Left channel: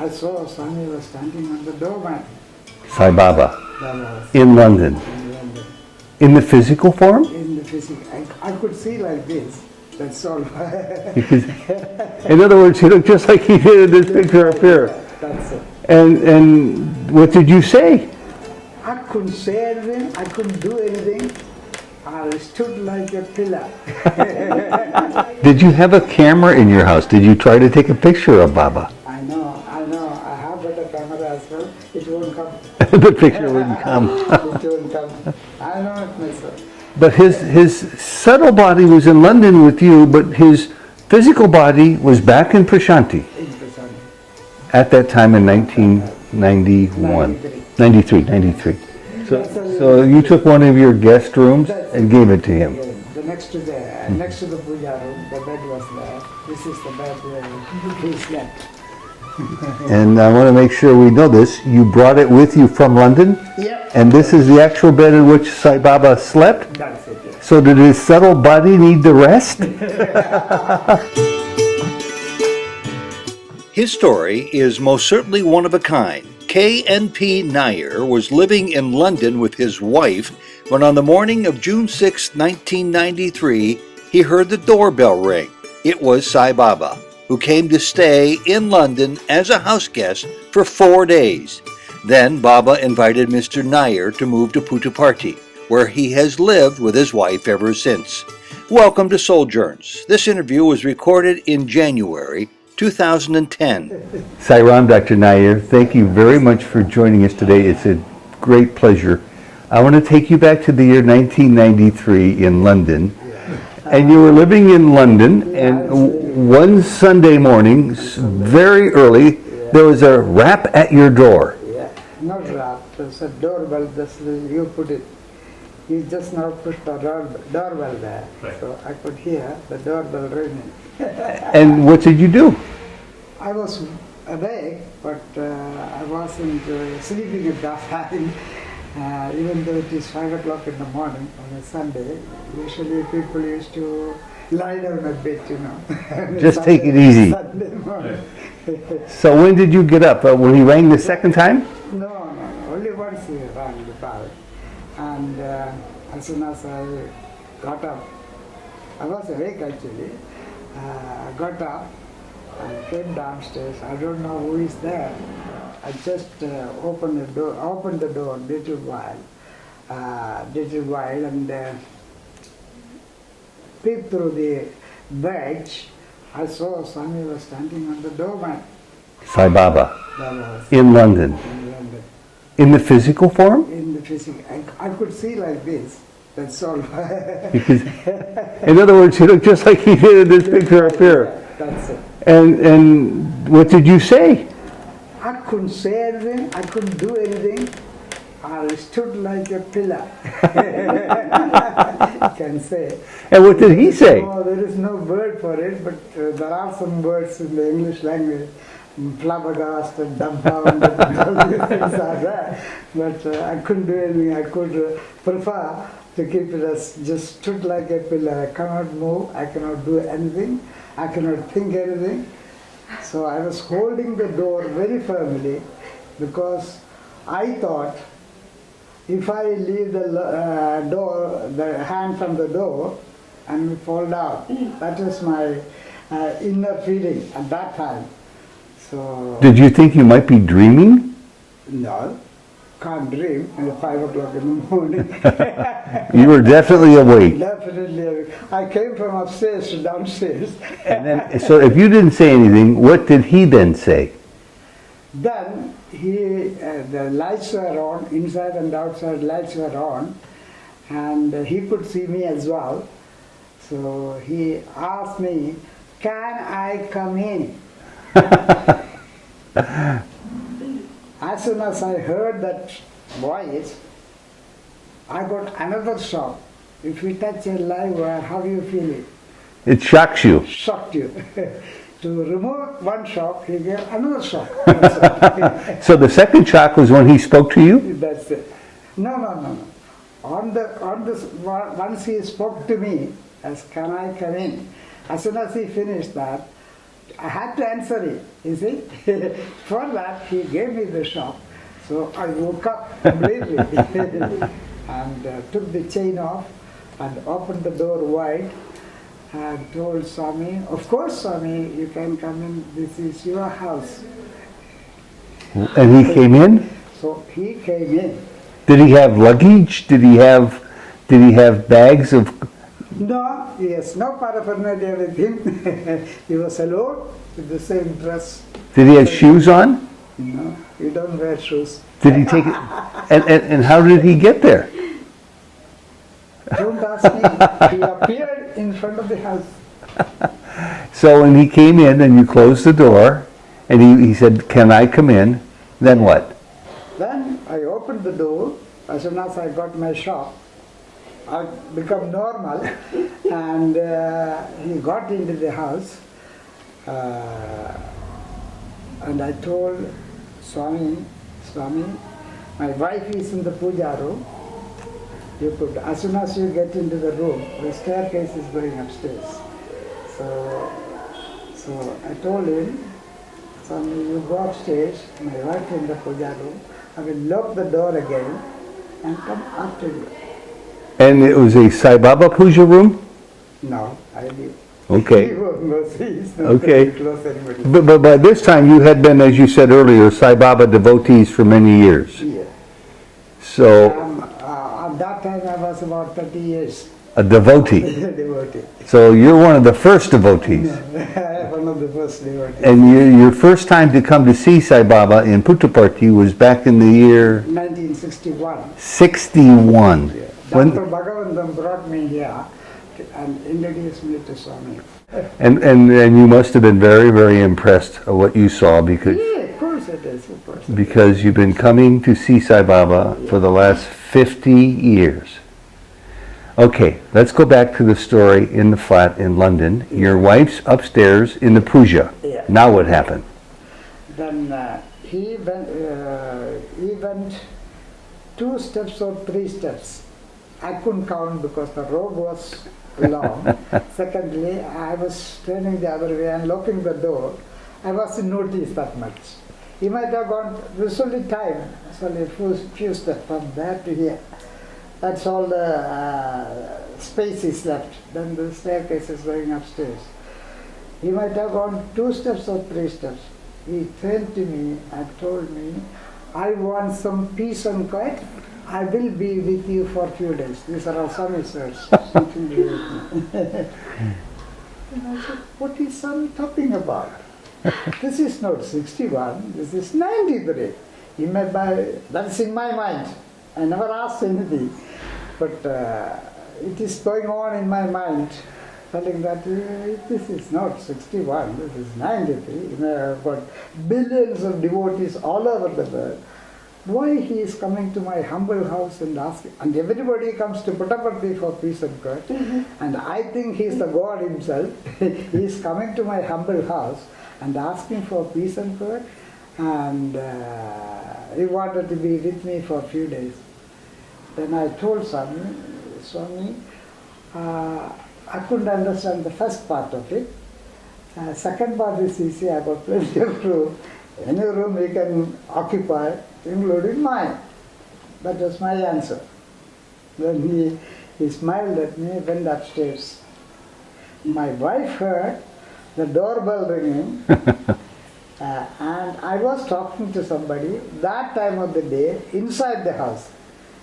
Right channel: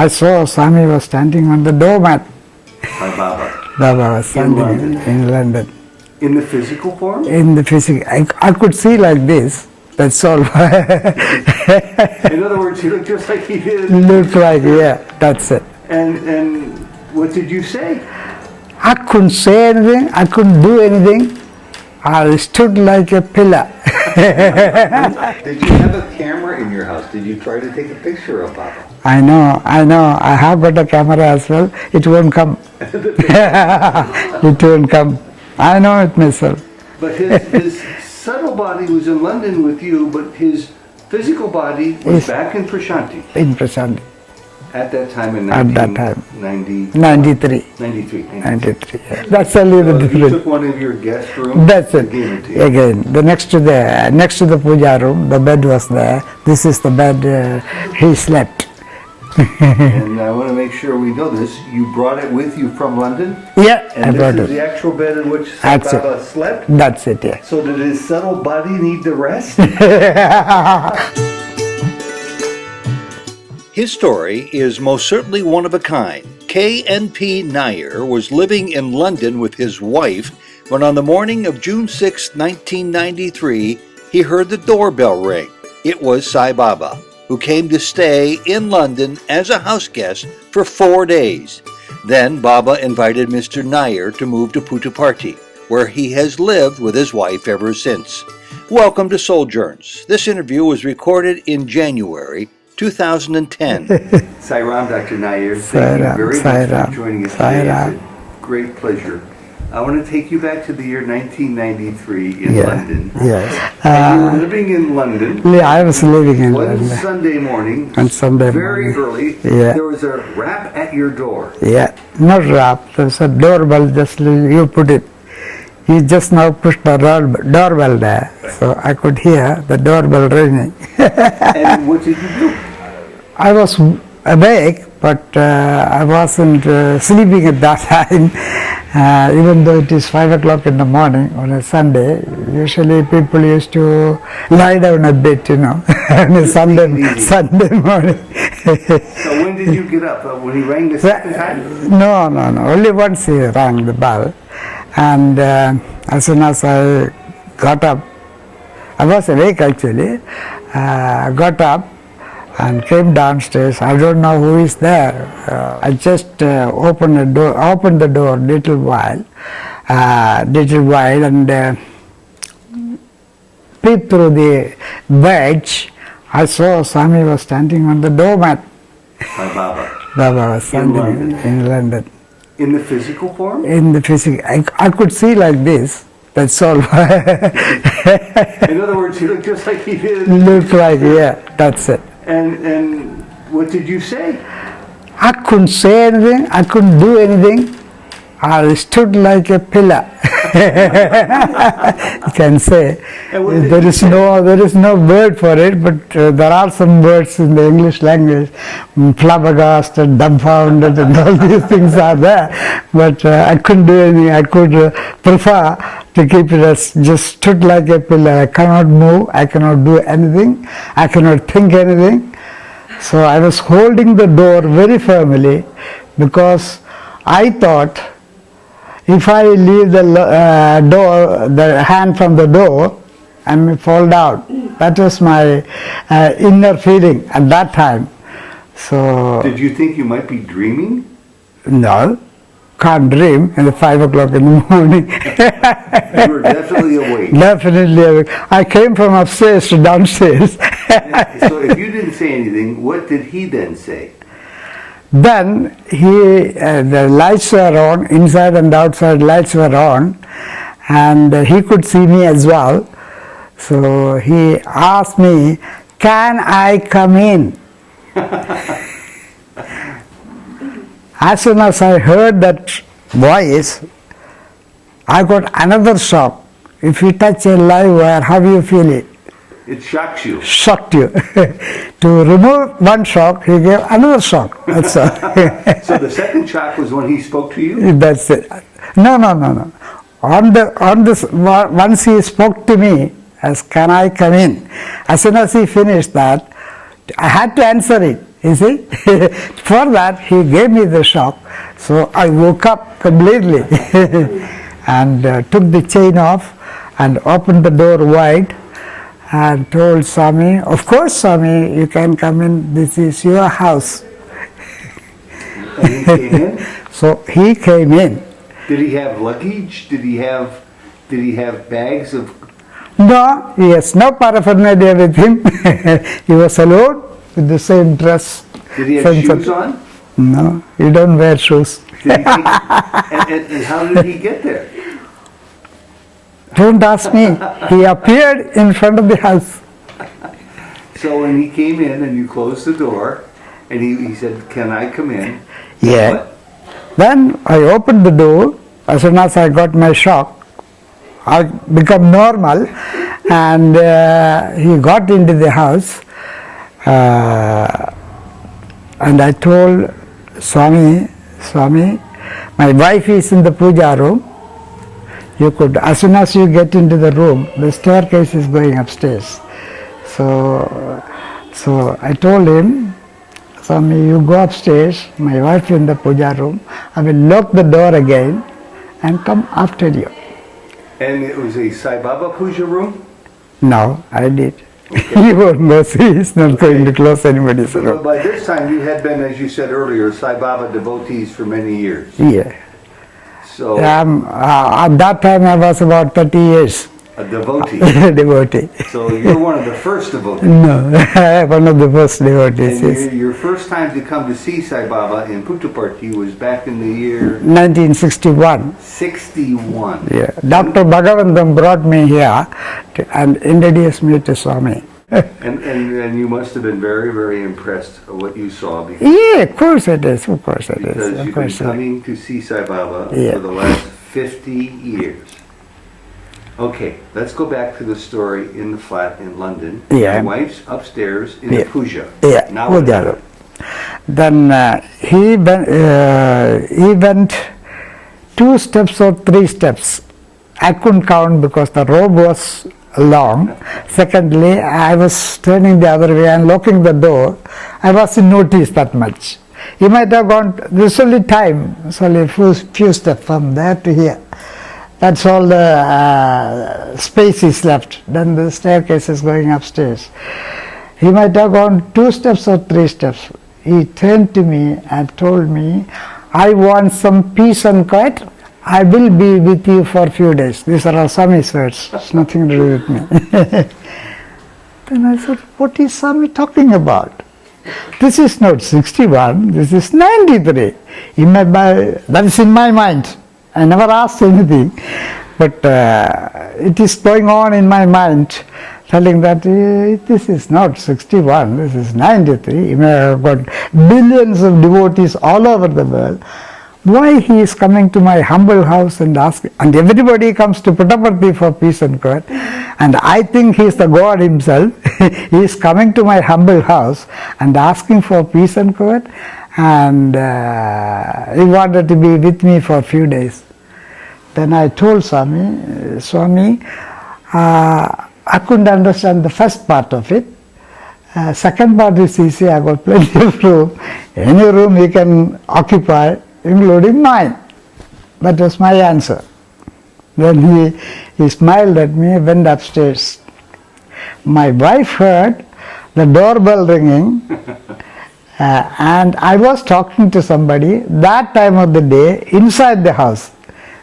I saw Swami was standing on the doormat. Sai Baba. Baba was In standing London. In London. In the physical form? In the physical. I could see like this. That's all. In other words, he looked just like he did in the Looked picture up like, here. yeah, that's it. And what did you say? I couldn't say anything. I couldn't do anything. I stood like a pillar. Did you have a camera in your house? Did you try to take a picture of Baba? I know. I have got a camera as well. It won't come. The picture It won't come. I know it myself. But his subtle body was in London with you, but his physical body was back in Prashanti In Prashanti. at that time in At that time. 1993. 93. 93. That's a little So you bit. took one of your guest rooms That's it. and gave it to you. Again, the next to the puja room, the bed was there. This is the bed he slept. And I want to make sure we know this. You brought it with you from London? Yeah. And I this brought is it. the actual bed in which Sai That's it. Baba slept? That's it, yes. So did his subtle body need the rest? His story is most certainly one of a kind. K.N.P. Nayar was living in London with his wife when on the morning of June 6, 1993, he heard the doorbell ring. It was Sai Baba, who came to stay in London as a house guest for 4 days. Then Baba invited Mr. Nayar to move to Puttaparthi, where he has lived with his wife ever since. Welcome to Souljourns. This interview was recorded in January 2010. Sai Ram, Dr. Nayar, thank you very much for joining us today. It's a great pleasure. I want to take you back to the year 1993 in London. Yes. And you were living in London. Yeah, I was living in One London. Sunday morning, Sunday very early, Yeah. there was a rap at your door. Yeah, not rap. There's a doorbell, just you put it. You just now pushed the doorbell there. So I could hear the doorbell ringing. And what did you do? I was awake, but I wasn't sleeping at that time. Even though it is 5 o'clock in the morning on a Sunday, usually people used to lie down a bit, on a Just take it easy. Sunday morning. So when did you get up? When he rang the second time? No. Only once he rang the bell. And as soon as I got up, I was awake actually, got up and came downstairs. I don't know who is there. I just opened the door little while, and peeped through the wedge. I saw Swami was standing on the doormat. Sai Baba. Baba was In standing London. In London. In the physical form? In the physical, I could see like this. That's all. In other words, he looked just like he did in the Looked picture up like, here. yeah, that's it. And what did you say? I couldn't say anything. I couldn't do anything. I stood like a pillar. You can say. And what did he say? There is no word for it, but there are some words in the English language. Flabbergasted, dumbfounded, and all these things are there. But I couldn't do anything. I could prefer to keep it as just stood like a pillar. I cannot move. I cannot do anything. I cannot think anything. So I was holding the door very firmly because I thought if I leave the the hand from the door, I may fall down. That was my inner feeling at that time. So Did you think you might be dreaming? no, can't dream at 5 o'clock in the morning. You were definitely awake. Definitely awake. I came from upstairs to downstairs. So if you didn't say anything, what did he then say? Then the lights were on, inside and outside lights were on, and he could see me as well. So he asked me, "Can I come in?" As soon as I heard that voice, I got another shock. If you touch a live wire, how do you feel it? It shocks you. Shocked you. To remove one shock, he gave another shock. That's all. So the second shock was when he spoke to you? That's it. No. Once he spoke to me as "Can I come in?" As soon as he finished that, I had to answer it. You see? For that, he gave me the shock. So I woke up completely and took the chain off and opened the door wide and told Swami, of course, Swami, you can come in. This is your house. And he came in? So he came in. Did he have luggage? Did he have bags of... No, he has no paraphernalia with him. He was alone with the same dress. Did he have shoes on? No, you don't wear shoes. Did he take, and how did he get there? Don't ask me. He appeared in front of the house. So when he came in and you closed the door and he said, can I come in? Then Yeah. what? Then I opened the door. As soon as I got my shock, I become normal, and he got into the house, and I told Swami, my wife is in the puja room. You could, as soon as you get into the room, the staircase is going upstairs. So I told him, Swami, you go upstairs, my wife in the puja room, I will lock the door again and come after you. And it was a Sai Baba puja room? No, I did. Okay. He won't go, see, he's not going to close anybody's But door. by this time you had been, as you said earlier, Sai Baba devotees for many years. Yeah. So At that time I was about 30 years a devotee. devotee. So you're one of the first devotees. No, one of the first devotees. And Yes. your first time to come to see Sai Baba in Puttaparthi was back in the year 1961. 61. Yeah. Dr. Bhagavantam brought me here and introduced me to Swami. And you must have been very, very impressed at what you saw because Yeah, of course it is, of course it is. because of you've been course it coming to see Sai Baba Yeah. for the last 50 years. Okay, let's go back to the story in the flat in London. Yeah. Your wife's upstairs in the Yeah. puja. Yeah, Now what puja. happened? Then he went 2 steps or 3 steps. I couldn't count because the robe was long. Secondly, I was turning the other way and locking the door. I wasn't noticed that much. He might have gone, there's only time, it's only a few steps from there to here. That's all the space is left. Then the staircase is going upstairs. He might have gone 2 steps or 3 steps. He turned to me and told me, I want some peace and quiet. I will be with you for a few days. These are all Swami's words. It's nothing to do with me. Then I said, what is Swami talking about? This is not 61, this is 93. That is in my mind. I never asked anything, but it is going on in my mind, telling that this is not 61, this is 93. He may have got billions of devotees all over the world. Why he is coming to my humble house and asking, and everybody comes to Puttaparthi for peace and quiet, and I think he is the God himself. He is coming to my humble house and asking for peace and quiet, and he wanted to be with me for a few days. Then I told Swami, I couldn't understand the first part of it. Second part is easy, I got plenty of room. Any room he can occupy, including mine. That was my answer. Then he smiled at me, went upstairs. My wife heard the doorbell ringing, and I was talking to somebody that time of the day inside the house.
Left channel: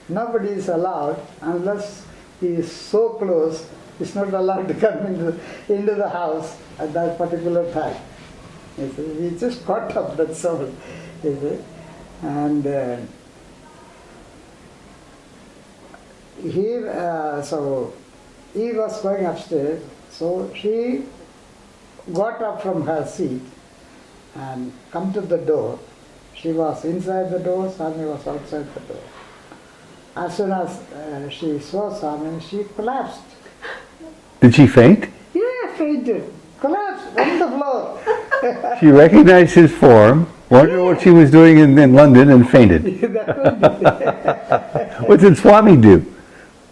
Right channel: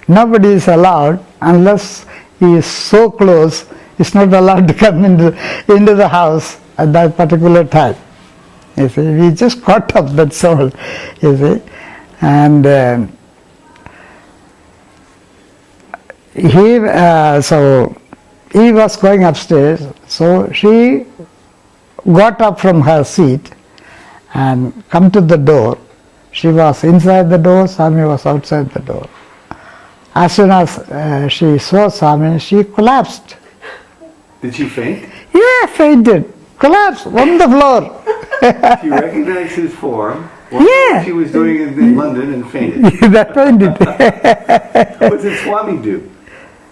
Nobody is allowed unless he is so close, he's not allowed to come into the house at that particular time. You see, we just caught up, that's all, you see. And so he was going upstairs, so she got up from her seat and come to the door. She was inside the door, Swami was outside the door. As soon as she saw Swami, she collapsed. Did she faint? Yeah, fainted, collapsed on the floor. She recognized his form, wondered Yeah. what she was doing in London, and fainted. That fainted. What did Swami do?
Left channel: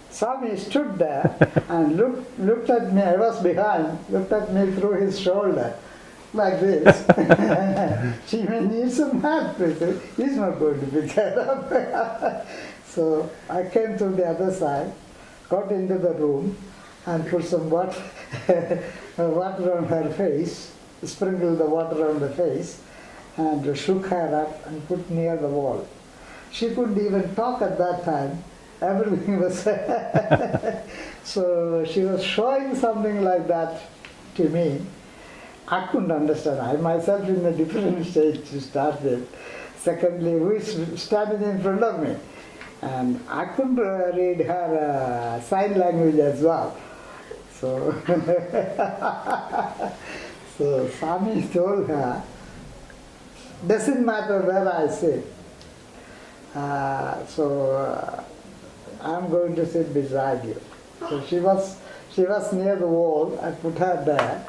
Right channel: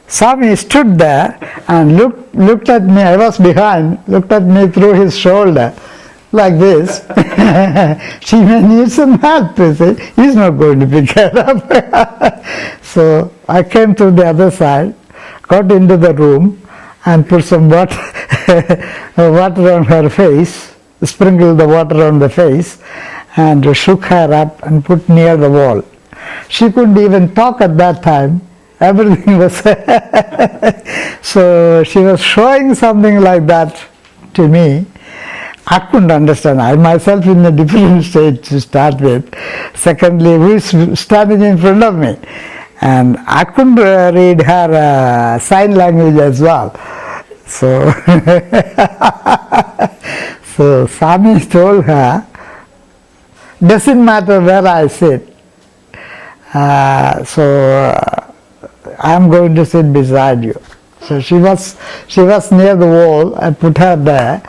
Swami stood there and looked at me. I was behind, looked at me through his shoulder, like this. She may need some help, you see. He's not going to pick her up. So I came to the other side, got into the room and put some water, water on her face, sprinkled the water on the face and shook her up and put near the wall. She couldn't even talk at that time. Everything was so she was showing something like that to me. I couldn't understand. I myself in a different state to start with. Secondly, who is standing in front of me? And I couldn't read her sign language as well. So, so Swami told her, doesn't matter where I sit. I'm going to sit beside you. So she was near the wall. I put her there,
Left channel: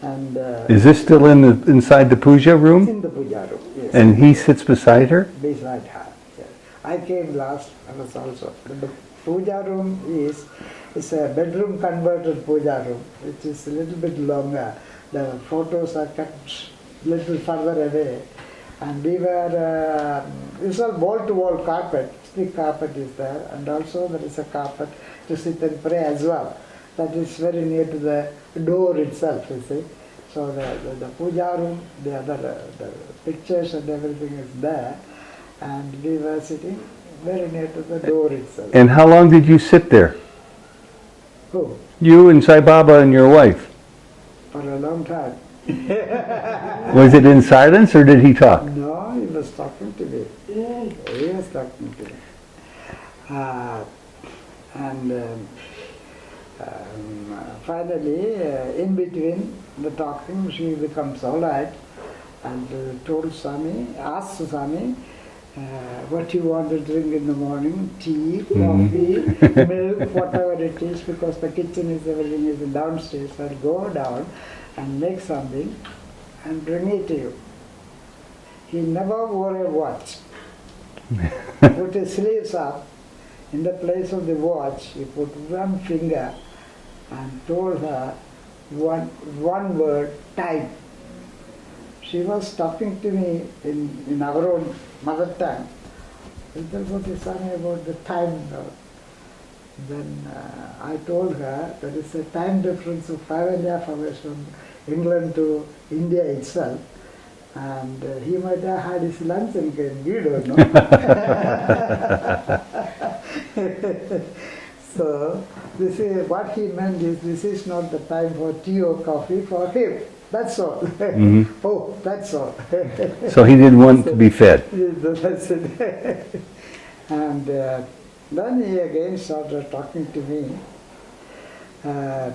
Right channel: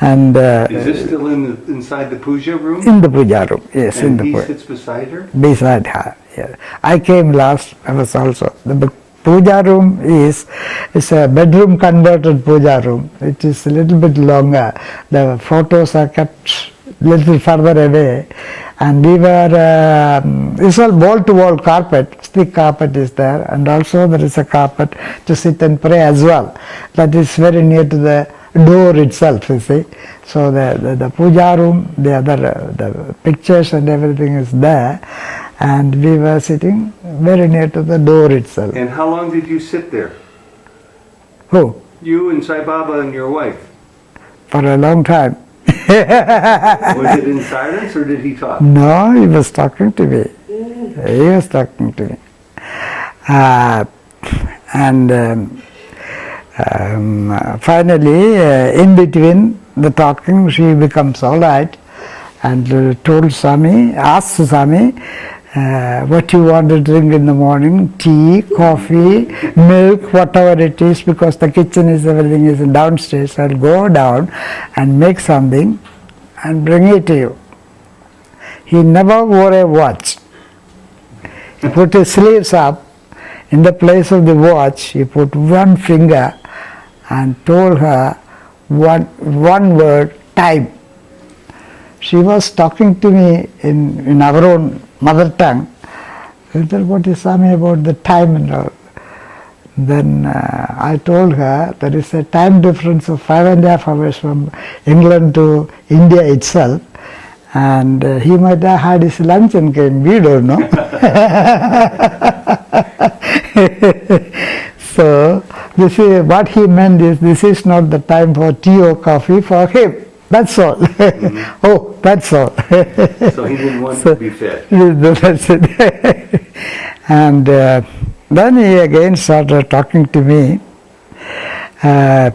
and is this still inside the puja room? In the puja room, yes. And he sits beside her. Beside her, yeah. I came last. I was also the puja room is a bedroom converted puja room. It is a little bit longer. The photos are kept a little further away. And we were, it's all wall-to-wall carpet, thick carpet is there, and also there is a carpet to sit and pray as well. That is very near to the door itself, you see. So the puja room, the pictures and everything is there, and we were sitting very near to the door itself. And how long did you sit there? Who? You and Sai Baba and your wife? For a long time. Was it in silence or did he talk? No, he was talking to me. He was talking to me. Finally, in between the talking, she becomes all right and told Swami, asked Swami, what you want to drink in the morning, tea, coffee, milk, whatever it is, because the kitchen is, everything is downstairs. I'll go down and make something and bring it to you. He never wore a watch. He put his sleeves up. In the place of the watch, he put one finger and told her one word, time. She was talking to me in our own mother tongue. I said, what is Swami about the time and all? Then I told her there is a time difference of 5.5 hours from England to India itself, and he might have had his lunch and came, we don't know. So this is what he meant is this is not the time for tea or coffee for him. That's all. Mm-hmm. Oh, that's all. So he didn't want to be fed. That's it. And then he again started talking to me. It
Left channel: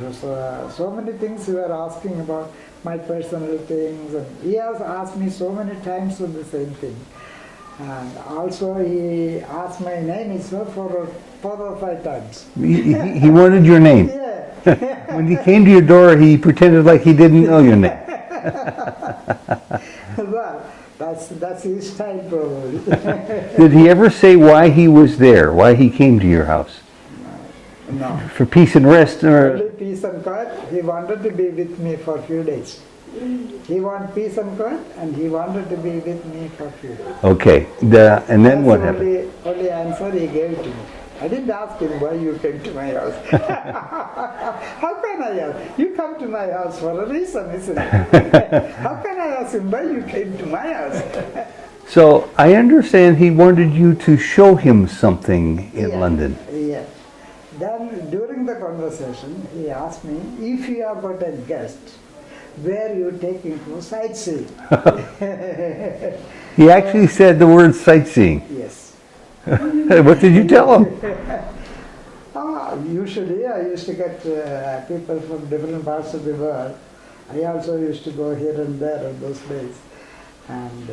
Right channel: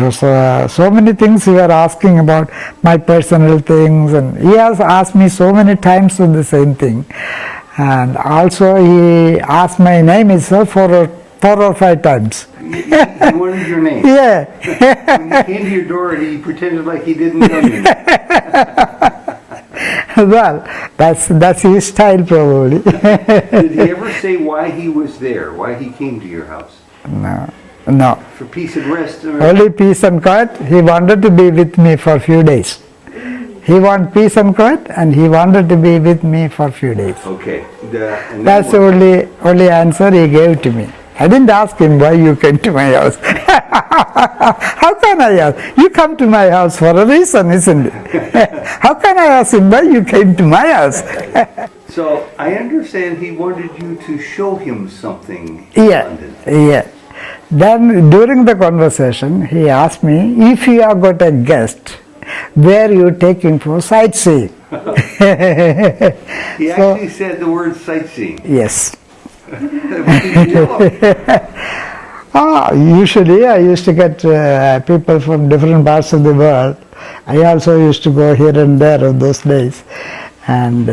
was so many things he were asking about my personal things, and he has asked me so many times on the same thing. And also he asked my name itself four or five times. He wanted your name? Yeah. When he came to your door, he pretended like he didn't know your name. Well, that's his style probably. Did he ever say why he was there, why he came to your house? No. For peace and rest? Or? Only peace and quiet. He wanted to be with me for a few days. He wanted peace and quiet, and he wanted to be with me for a few days. Okay. And that's the only answer he gave to me. I didn't ask him why you came to my house. How can I ask? You come to my house for a reason, isn't it? How can I ask him why you came to my house? So I understand he wanted you to show him something in London. Yeah. Then during the conversation, he asked me, if you have got a guest, where you take him for sightseeing? He actually said the word sightseeing. Yes. What did you tell him? Usually I used to get people from different parts of the world. I also used to go here and there on those days. And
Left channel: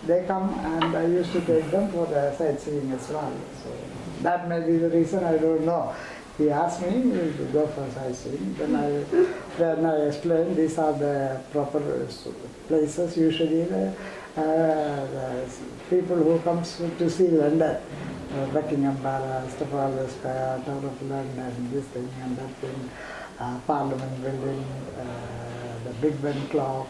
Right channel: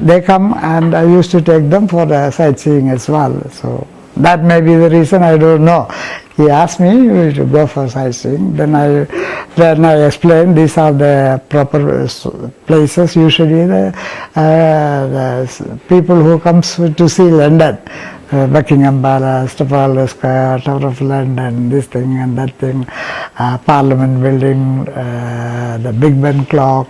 they come and I used to take them for sightseeing as well. So that may be the reason, I don't know. He asked me to go for sightseeing. Then I explained these are the proper places. Usually the people who comes to see London, Buckingham Palace, Trafalgar Square, Tower of London, this thing and that thing, Parliament Building, the Big Ben clock,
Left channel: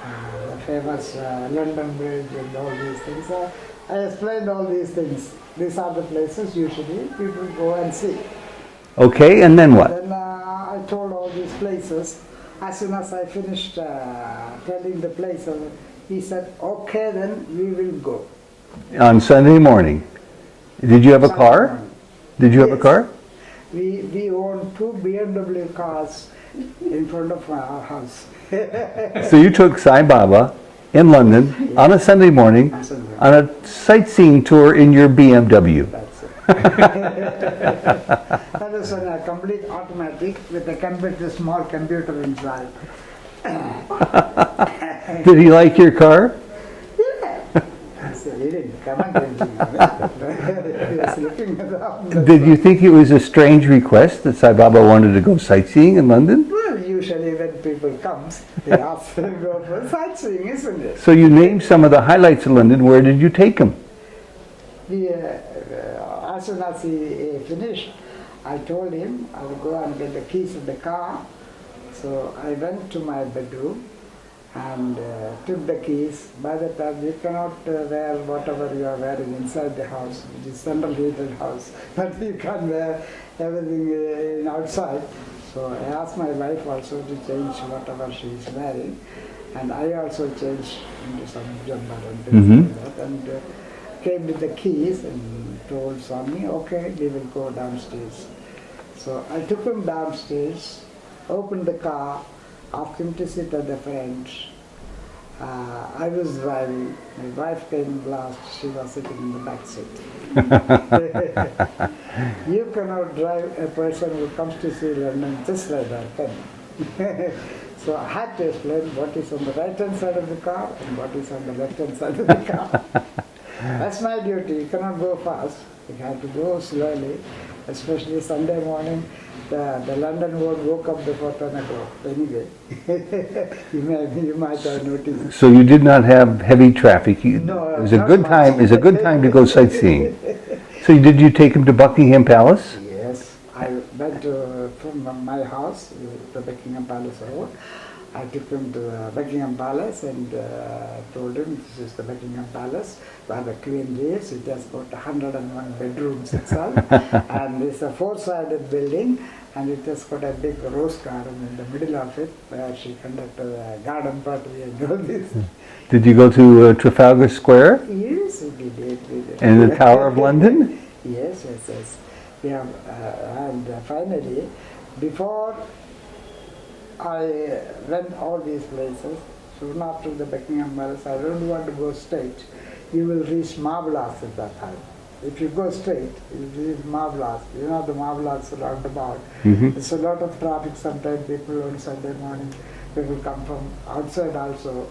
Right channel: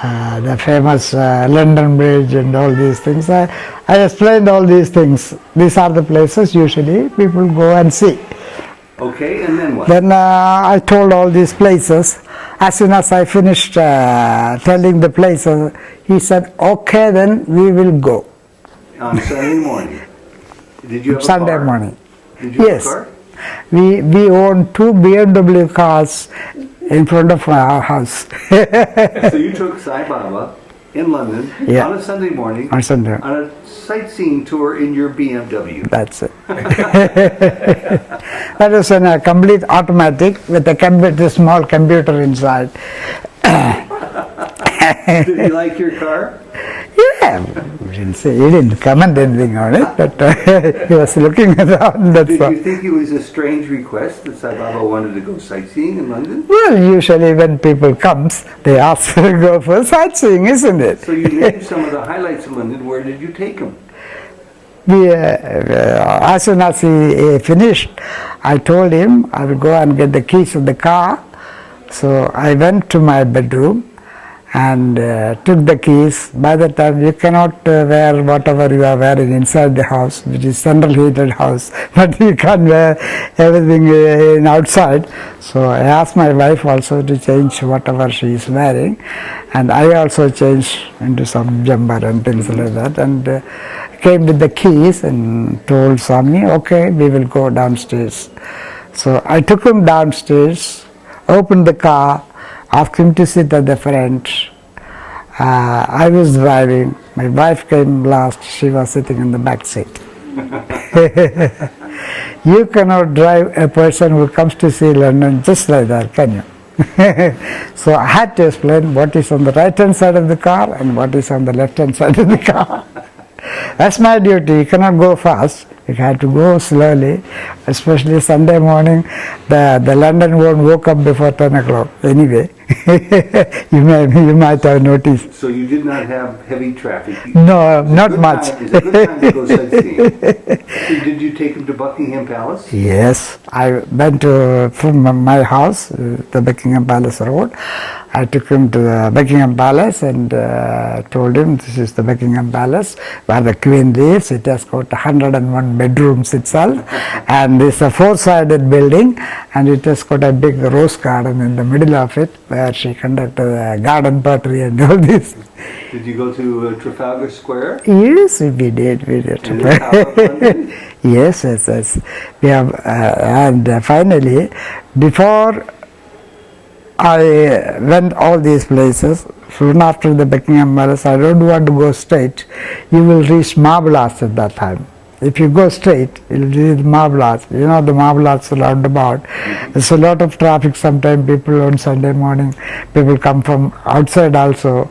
the famous London Bridge and all these things. I explained all these things. These are the places usually people go and see. Okay, and then what? Then I told all these places. As soon as I finished telling the places, he said, okay, then we will go. On Sunday morning. Did you have a Sunday car? morning. Did you have Yes. a car? We owned 2 BMW cars in front of our house. So you took Sai Baba in London Yeah. on a Sunday morning On Sunday. on a sightseeing tour in your BMW. That's it. That was in a complete automatic with a small computer inside. Did he like your car? Yeah, he didn't comment anything on it, but he was looking around. That's Did all. you think it was a strange request that Sai Baba wanted to go sightseeing in London? Well, usually when people comes, they ask to go for sightseeing, isn't it? So you named some of the highlights of London. Where did you take him? We, as soon as he finished, I told him I will go and get the keys of the car. So I went to my bedroom and took the keys. By the time you cannot wear whatever you are wearing inside the house, which is central heated house, but you can't wear everything in outside. So I asked my wife also to change whatever she is wearing, and I also changed into some jumper and things like that, and came with the keys and told Swami, okay, we will go downstairs. So I took him downstairs, opened the car, asked him to sit at the front. I was driving. My wife came last. She was sitting in the back seat. You cannot drive a person who comes to see London just like that, can you? So I had to explain what is on the right hand side of the car and what is on the left hand side of the car. That's my duty. You cannot go fast. You have to go slowly, especially Sunday morning. The London won't wake up before 10 o'clock anyway. you might have noticed. So you did not have heavy traffic. No, not much. It's a good time to go sightseeing. So did you take him to Buckingham Palace? Yes, I went from my house, the Buckingham Palace Road. I took him to the Buckingham Palace and told him this is the Buckingham Palace where the Queen lives. It has got 101 bedrooms itself and it's a 4-sided building and it has got a big rose garden in the middle of it where she conducted a garden party and all this. Did you go to Trafalgar Square? Yes, we did. And the Tower of London? Yes. We have, and finally, before I went all these places, soon after the Buckingham Palace, I don't want to go straight. You will reach Marble Arch at that time. If you go straight, you'll reach Marble Arch. You know the Marble Arch roundabout. There's a lot of traffic sometimes. People on Sunday morning, people come from outside also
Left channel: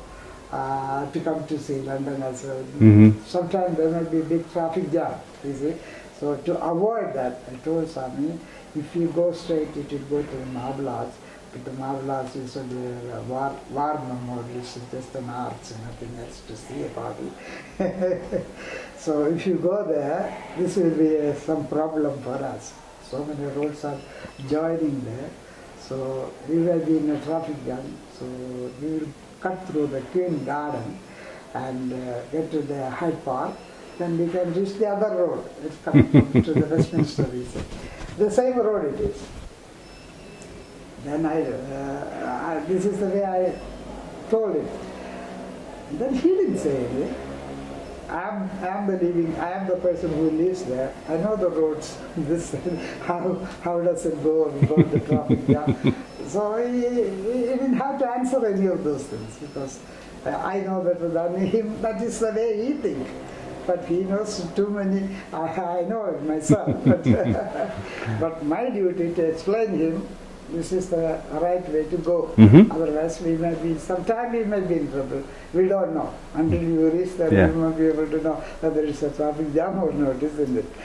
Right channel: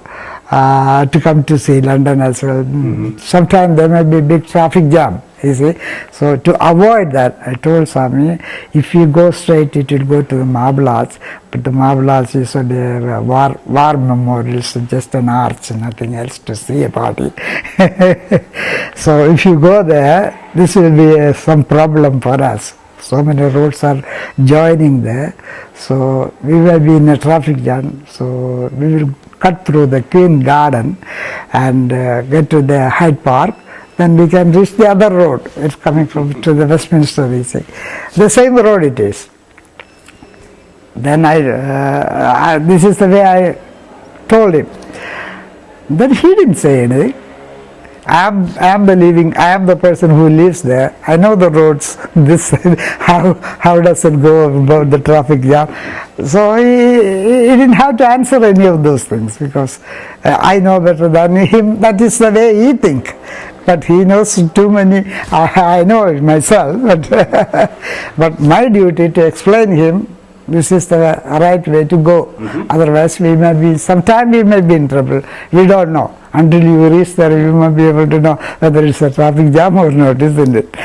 to come to see London as well. Sometimes there may be big traffic jam. You see, so to avoid that, I told Swami, if you go straight, it will go to the Marble Arch, but the Marble Arch is a war memorial, so just an arch, nothing else to see about it. So if you go there, this will be some problem for us. So many roads are joining there, so we will be in a traffic jam, so we will cut through the Queen Garden and get to the Hyde Park. Then we can reach the other road. It's coming from to the Westminster, we say. The same road it is. Then this is the way I told him. Then he didn't say anything. I am the person who lives there. I know the roads. This how does it go about the traffic jam? So he didn't have to answer any of those things because I know better than him. That is the way he thinks. But he knows too many. I know it myself. But my duty to explain him. This is the right way to go. Otherwise, sometime we may be in trouble. We don't know. Until you reach there, you may be able to know whether it's a traffic jam or not, isn't it?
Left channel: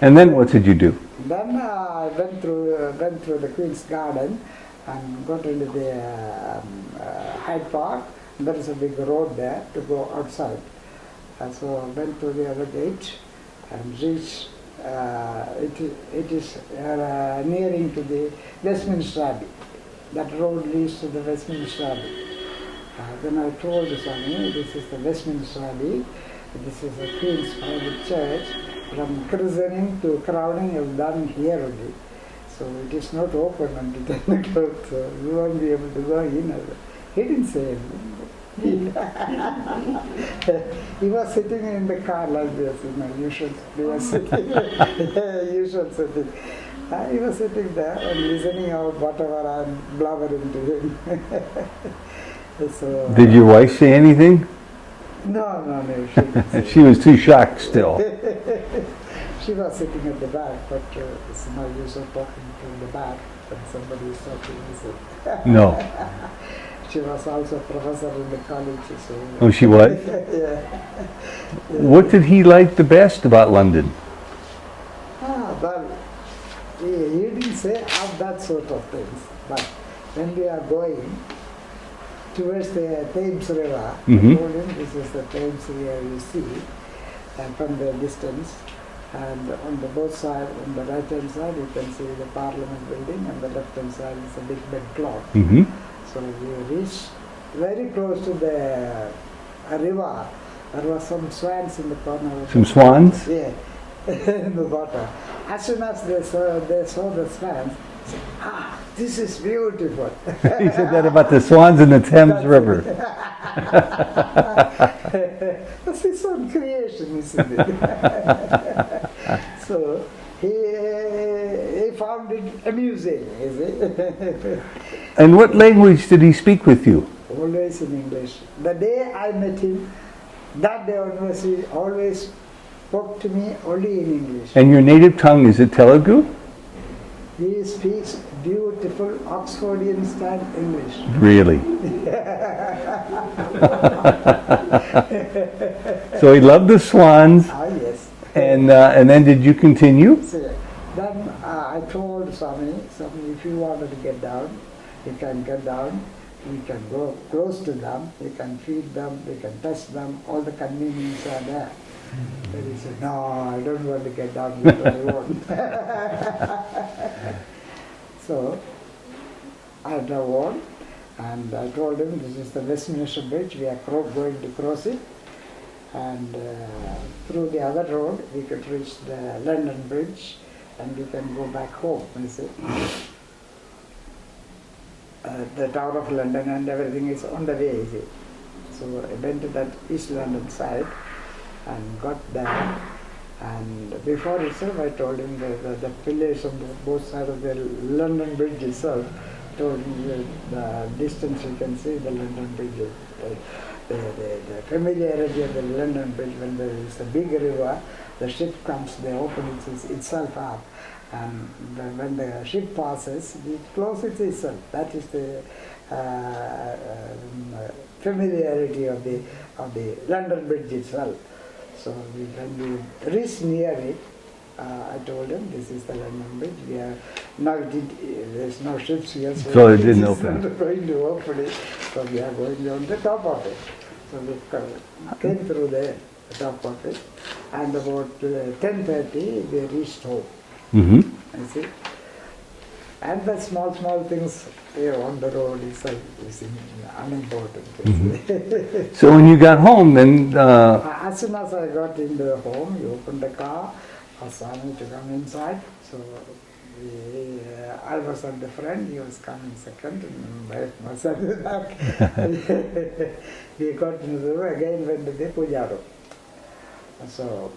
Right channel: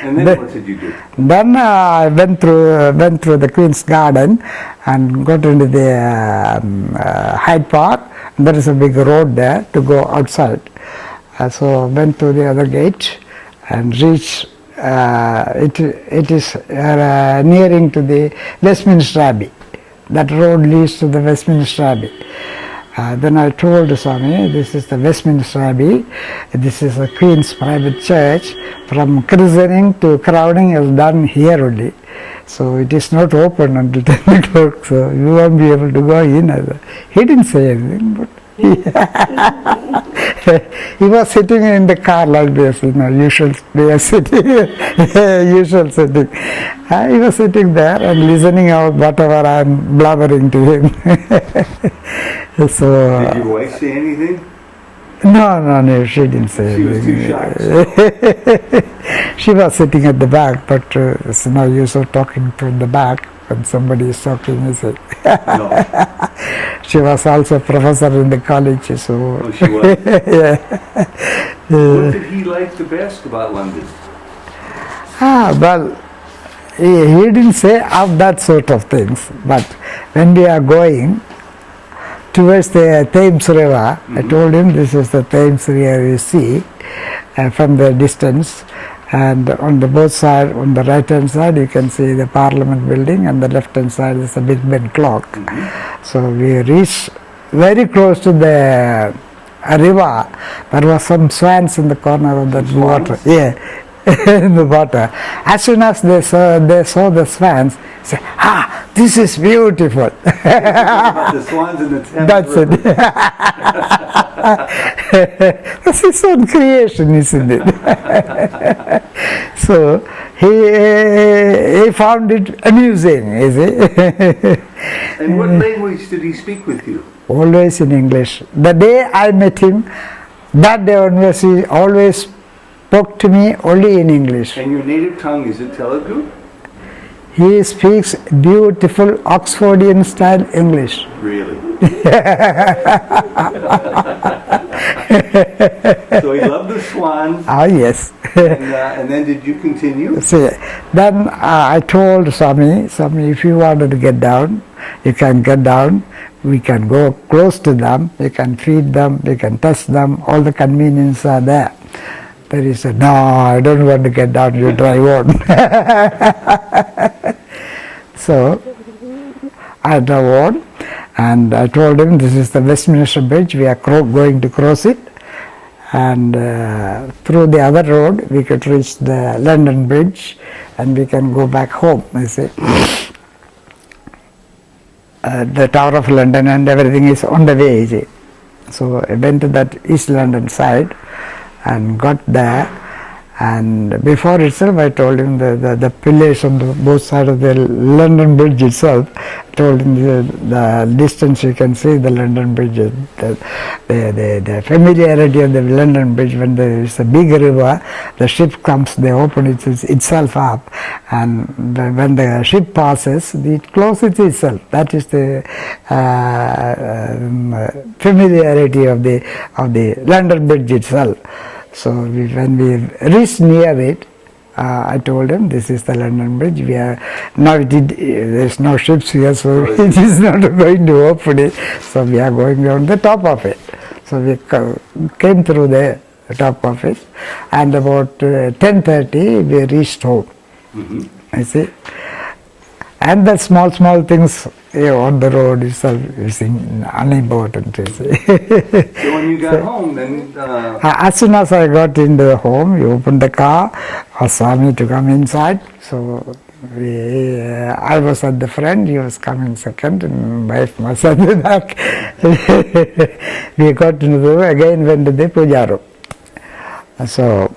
And then what did you do? Then I went through the Queen's Garden and got into the Hyde Park. There is a big road there to go outside. So went to the other gate and reached, it is nearing to the Westminster Abbey. That road leads to the Westminster Abbey. Then I told Swami, this is the Westminster Abbey, this is a Queen's private church, from christening to crowning is done here only. So it is not open until 10 o'clock, so you won't be able to go in. He didn't say anything, but he was sitting in the car like this, usual way of sitting, usual sitting. He was sitting there and listening out whatever I am blabbering to him. So, did your wife say anything? No, she didn't say She was too shocked still. She was sitting at the back, but it's no use of talking from the back when somebody is talking, is it? No. She was also a professor in the college, so... Oh, she was? Yeah. What did he like the best about London? Well, he didn't say of that sort of things, but when we are going towards the Thames River, I told him this is the Thames River you see from the distance, and on the both side, on the right hand side you can see the Parliament building, and the left hand side is the Big Ben clock. So we reached very close to the river. There was some swans in the corner of the water. Yeah. In the water. As soon as they saw the swans, say, this is beautiful. What about the swans in the Thames That's River? it. That's his own creation, isn't it? So he found it amusing, is it? And what language did he speak with you? Always in English. The day I met him, that day onwards, he always spoke to me only in English. And your native tongue, is it Telugu? He speaks beautiful Oxfordian style English. Really? So he loved the swans. Yes. And then did you continue? So then I told Swami, if you wanted to get down, you can get down. We can go close to them, we can feed them, we can touch them, all the conveniences are there. Then he said, no, I don't want to get down, you drive on. So I drove on, and I told him this is the Westminster Bridge, we are going to cross it, and through the other road we could reach the London Bridge and we can go back home, you see. The Tower of London and everything is on the way, you see. So I went to that East London side and got there, and before itself I told him the pillars on both sides of the London Bridge itself, I told him the distance you can see the London Bridge, the familiarity of the London Bridge. When there is a big river, the ship comes, they open itself up, and when the ship passes, it closes itself. That is the familiarity of the London Bridge itself. So when we reached near it, I told him this is the London Bridge. We are now there's no ships here, so it is not going to open it. So we are going on the top of it. So we came through the top of it, and about 10:30 we reached home. I see. And the small things on the road is unimportant. So when you got home, then... as soon as I got into the home, we opened the car, asked Swami to come inside. So I was at the front, he was coming second, and my wife was at the back. We got into the room, again went to the puja room. So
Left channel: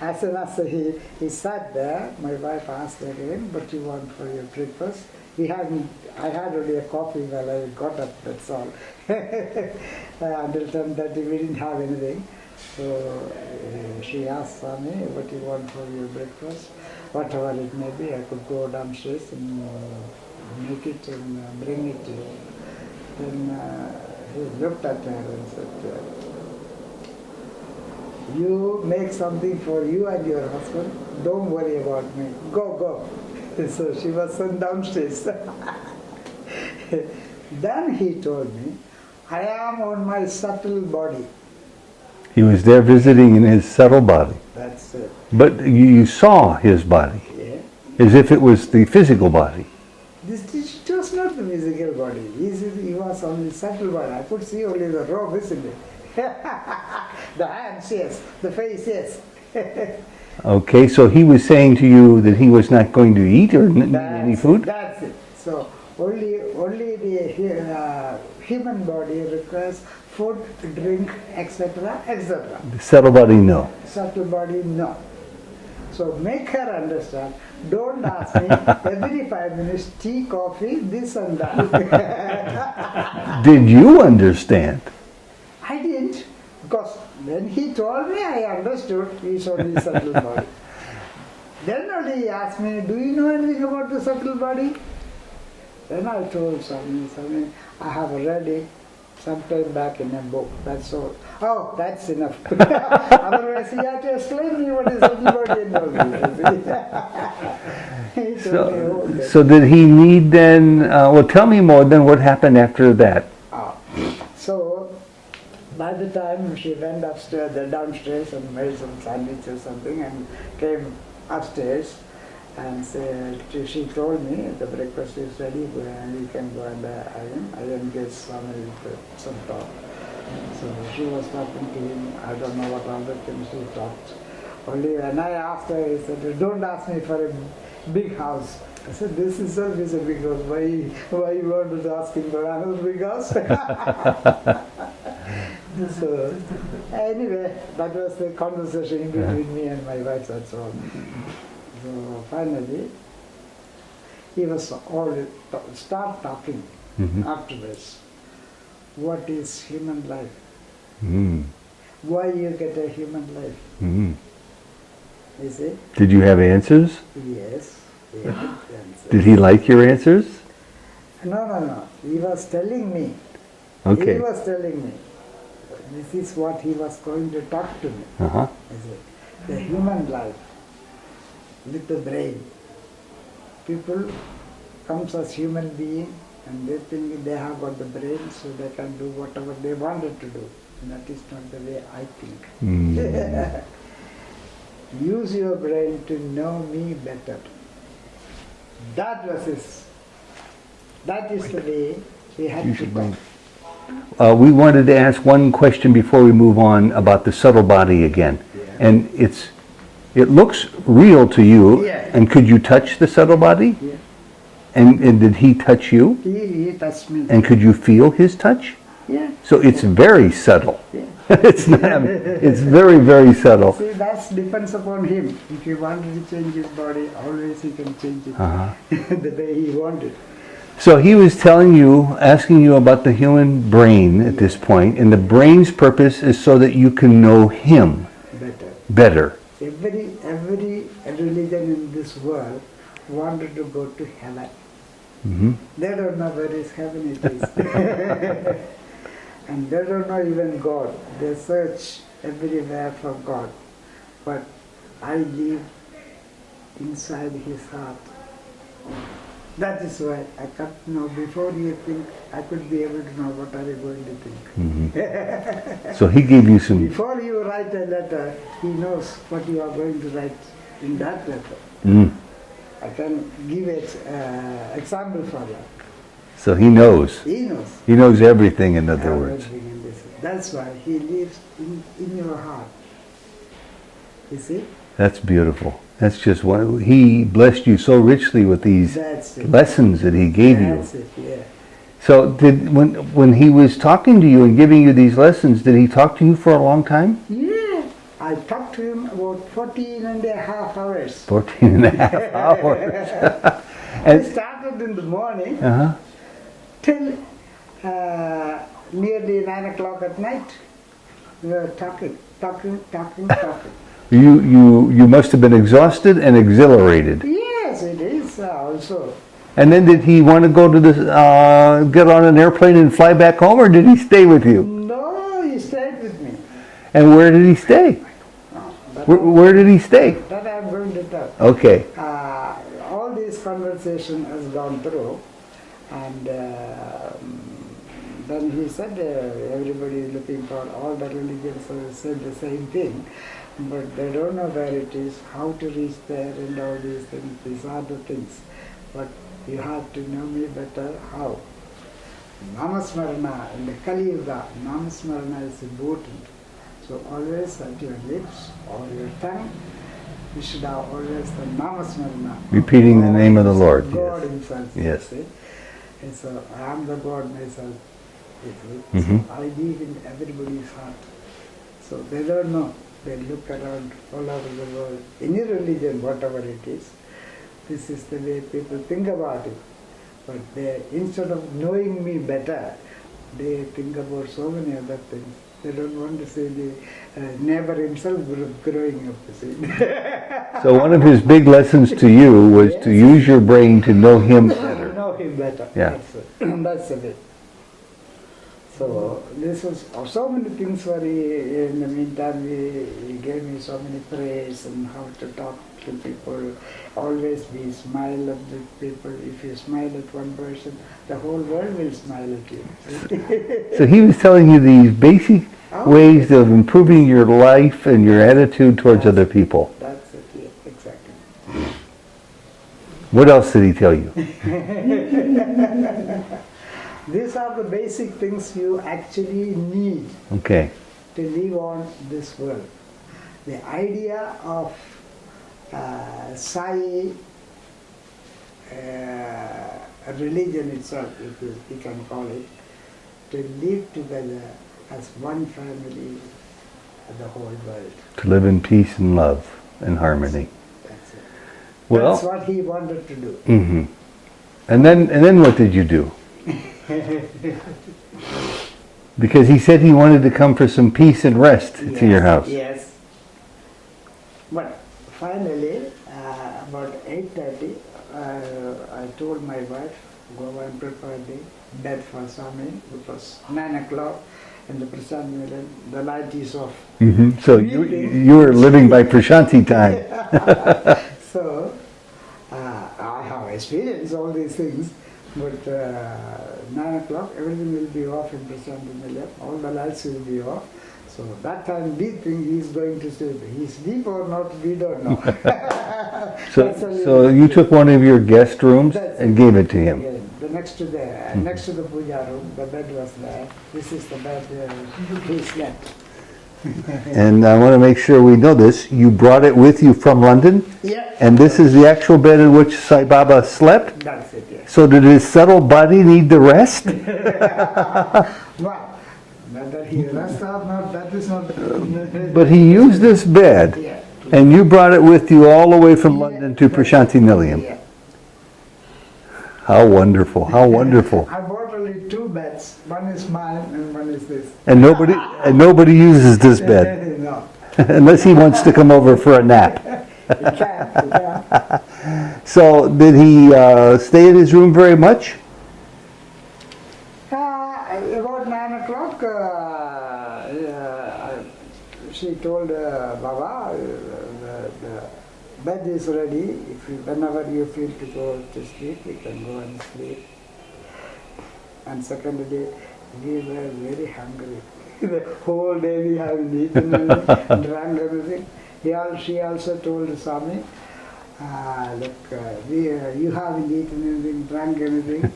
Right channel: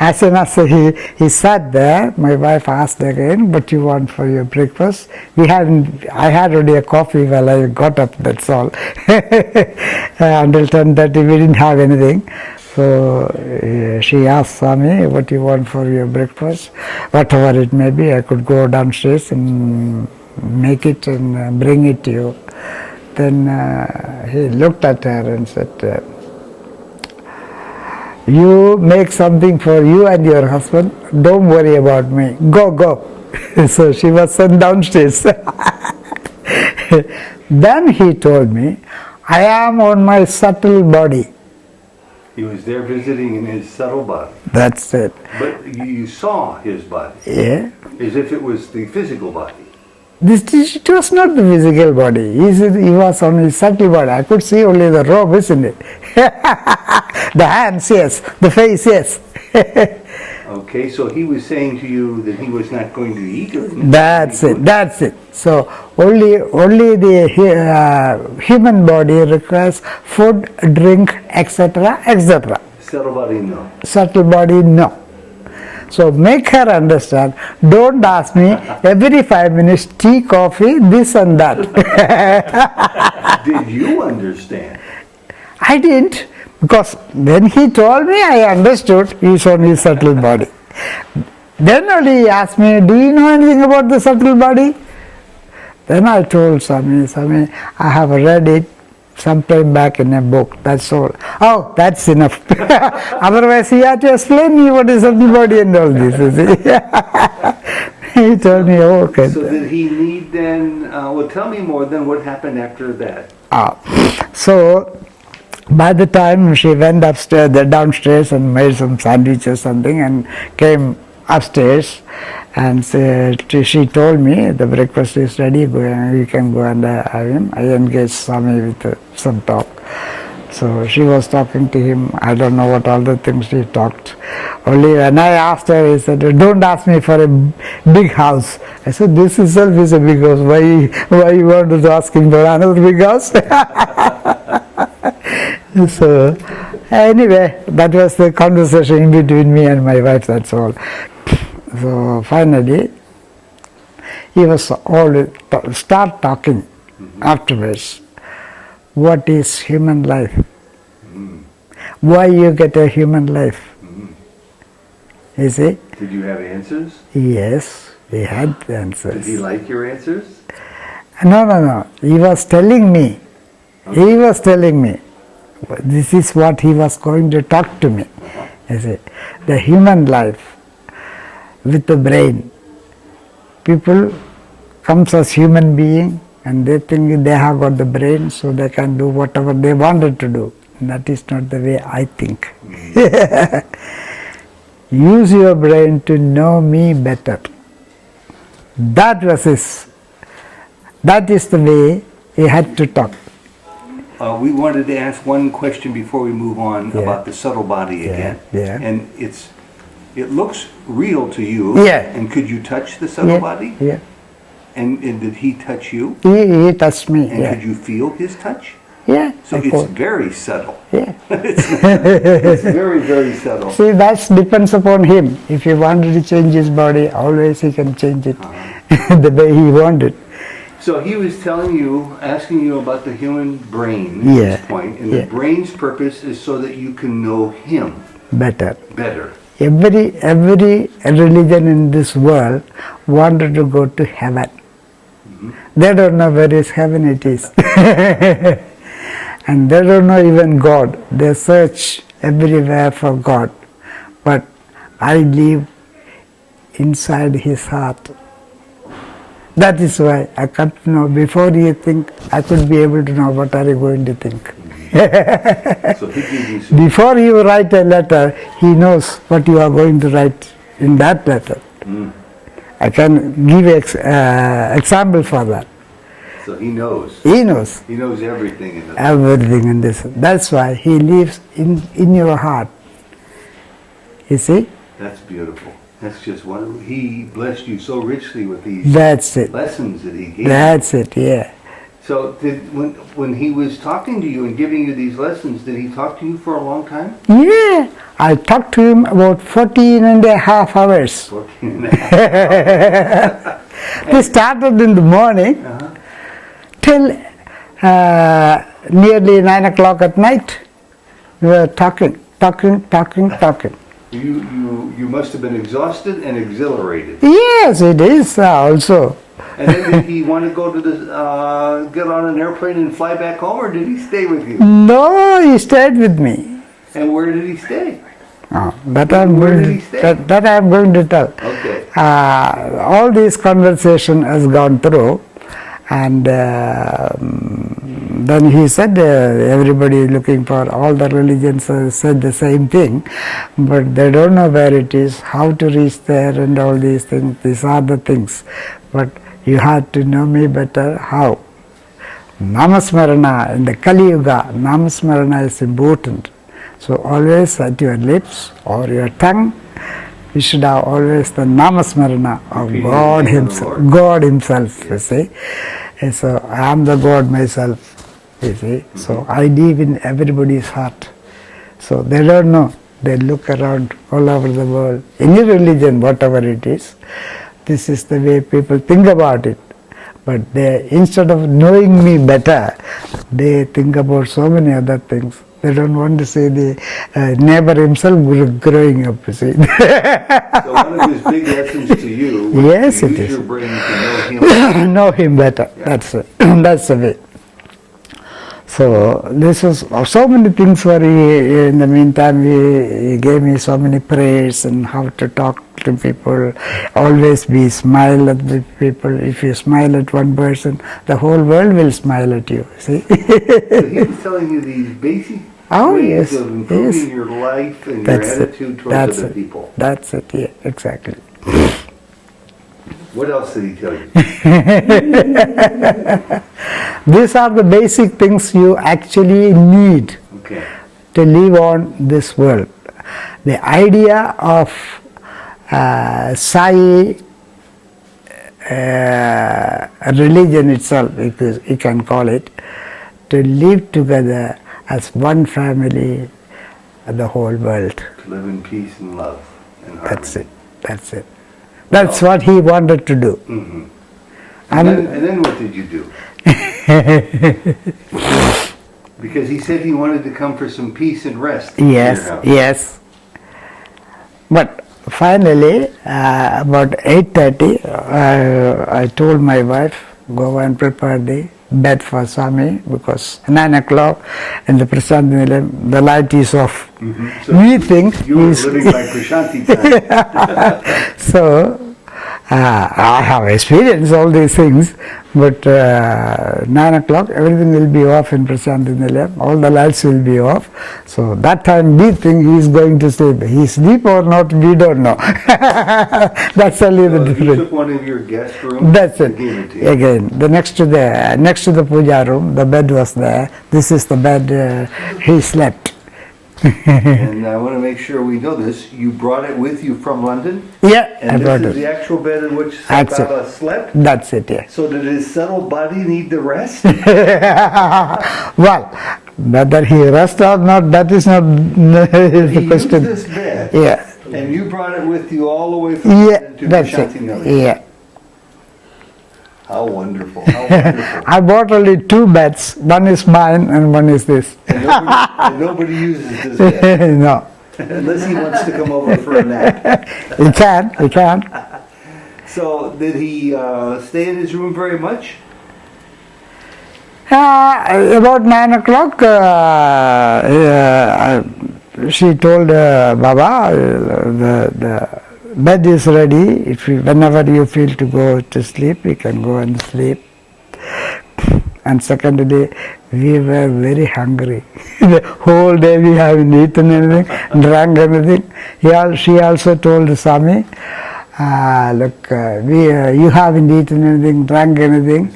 as soon as he sat there, my wife asked again, what you want for your breakfast? I had already a coffee while I got up, that's all. Until 10:30 we didn't have anything. So she asked Swami, what you want for your breakfast? Whatever it may be, I could go downstairs and make it and bring it to you. Then he looked at her and said, you make something for you and your husband, don't worry about me, go. So she was sent downstairs. Then he told me, I am on my subtle body. He was there visiting in his subtle body. That's it. But you saw his body. Yeah. As if it was the physical body. It was not the physical body. He was on his subtle body. I could see only the robe, isn't it? The hands, yes. The face, yes. Okay, so he was saying to you that he was not going to eat or That's it. That's it. So only the human body requires food, drink, etc., etc. Subtle body, no. Subtle body, no. So make her understand. Don't ask me every 5 minutes tea, coffee, this and that. Did you understand? I didn't, because when he told me, I understood he's on his subtle body. Then only he asked me, do you know anything about the subtle body? Then I told Swami, I have read it sometime back in a book, that's all. Oh, that's enough. Otherwise he had to explain me what is subtle body and all this, you see. He told me, oh, okay. So did he need then, well tell me more then what happened after that. So by the time she went upstairs, downstairs and made some sandwiches something and came upstairs and she told me the breakfast is ready, you can go and have him. I engaged Swami with some talk. So she was talking to him. I don't know what all the things she talked. Only when I asked her, he said, don't ask me for a big house. I said, this itself is a big house. Why you want to ask him for another big house? So anyway, that was the conversation in between me and my wife, that's all. So finally, he was always start talking afterwards. What is human life? Why you get a human life? You see? Did you have answers? Yes, he had answers. Did he like your answers? No. He was telling me. Okay. He was telling me. This is what he was going to talk to me. You see? The human life with the brain. People comes as human being and they think they have got the brain so they can do whatever they wanted to do. That is not the way I think. Use your brain to know me better. That is the way he had to talk. We wanted to ask one question before we move on about the subtle body again. And it looks real to you. And could you touch the subtle body? And did he touch you? He touched me. And could you feel his touch? So it's very subtle. It's very, very subtle. See, that depends upon him. If he wanted to change his body, always he can change it the way he wanted. So he was telling you, asking you about the human brain at this point, and the brain's purpose is so that you can know him better. Better. Every religion in this world wanted to go to heaven. They don't know where is heaven it is. And they don't know even God. They search everywhere for God. But I live inside his heart. That is why I come to know. Before you think, I could be able to know what are you going to think. So he gave you some... Before you write a letter, he knows what you are going to write in that letter. I can give an example for that. So he knows. He knows. He knows everything in the everything in this. That's why he lives in your heart. You see? That's beautiful. That's just what he blessed you so richly with these lessons that he gave you. That's it, yeah. So when he was talking to you and giving you these lessons, did he talk to you for a long time? Yeah. I talked to him about 14 and a half hours. 14 and a half hours. They started in the morning till nearly 9 o'clock at night. We were talking. You must have been exhausted and exhilarated. Yes, it is also. And then did he want to go to get on an airplane and fly back home, or did he stay with you? No, he stayed with me. And where did he stay? Where did he stay? That I am going to tell. Okay. All this conversation has gone through, and then he said, everybody is looking for, all the religions said the same thing, but they don't know where it is, how to reach there and all these things. These are the things. But you have to know me better. How? Namasmarana, in the Kali Yuga, Namasmarana is important. So always at your lips or your tongue, you should have always the Namasmarana of Repeating God the name of the Himself. Lord. God Himself, Yes. you see. And so I am the God myself, you see. So I live in everybody's heart. So they don't know. They look around all over the world. Any religion, whatever it is, this is the way people think about it. But they, instead of knowing me better, they think about so many other things. They don't want to see the neighbor himself growing up, you see. So one of his big lessons to you was Yes, to it use is. your brain to know him. Know him better. Yeah. That's it. That's the way. So this was so many things were in the meantime he gave me so many prayers and how to talk to people. Always be smile at the people. If you smile at one person, the whole world will smile at you. See? So he was telling you these basic ways yes, of improving yes. your life and your That's it. attitude towards That's other it. people. That's it. Yeah, exactly. What else did he tell you? These are the basic things you actually need Okay. to live on this world. The idea of Sai religion itself, if you can call it, to live together as one family, the whole world. To live in peace and love and harmony. That's it. That's it. Well- That's what he wanted to do. Mm-hmm. And then what did you do? Because he said he wanted to come for some peace and rest to your house. Yes. But finally, about 8:30, I told my wife, go and prepare the bed for Swami, because 9 o'clock in the Prashanti Nilayam, the light is off. So we think you were living by Prashanti time. So I have experienced all these things, but 9 o'clock everything will be off in Prashanti Nilayam, all the lights will be off. So that time we think he is going to sleep. He sleep or not, we don't know. That's only So the you difference. took one of your guest rooms That's and it. gave it to you. Again, the next to the puja room, the bed was there. This is the bed he slept. And I want to make sure we know this. You brought it with you from London? Yeah. And I this brought is it. the actual bed in which Sai That's it. Baba slept? That's it, yes. So did his subtle body need the rest? Well, whether he rest or not, that is not But he used this bed, Yeah. and you brought it with you all the way from London to that's Prashanti it. Nilayam. Yeah. How wonderful, how wonderful. I bought only 2 beds. One is mine and one is this. And nobody uses this bed, No. unless he wants to come over for a nap. He can. So did he stay in his room very much? About 9 o'clock, she told Baba, the bed is ready. If you, whenever you feel to go to sleep, you can go and sleep. And secondly, we were very hungry. The whole day we haven't eaten anything, drank anything. She also told Swami, look, you haven't eaten anything, drank anything.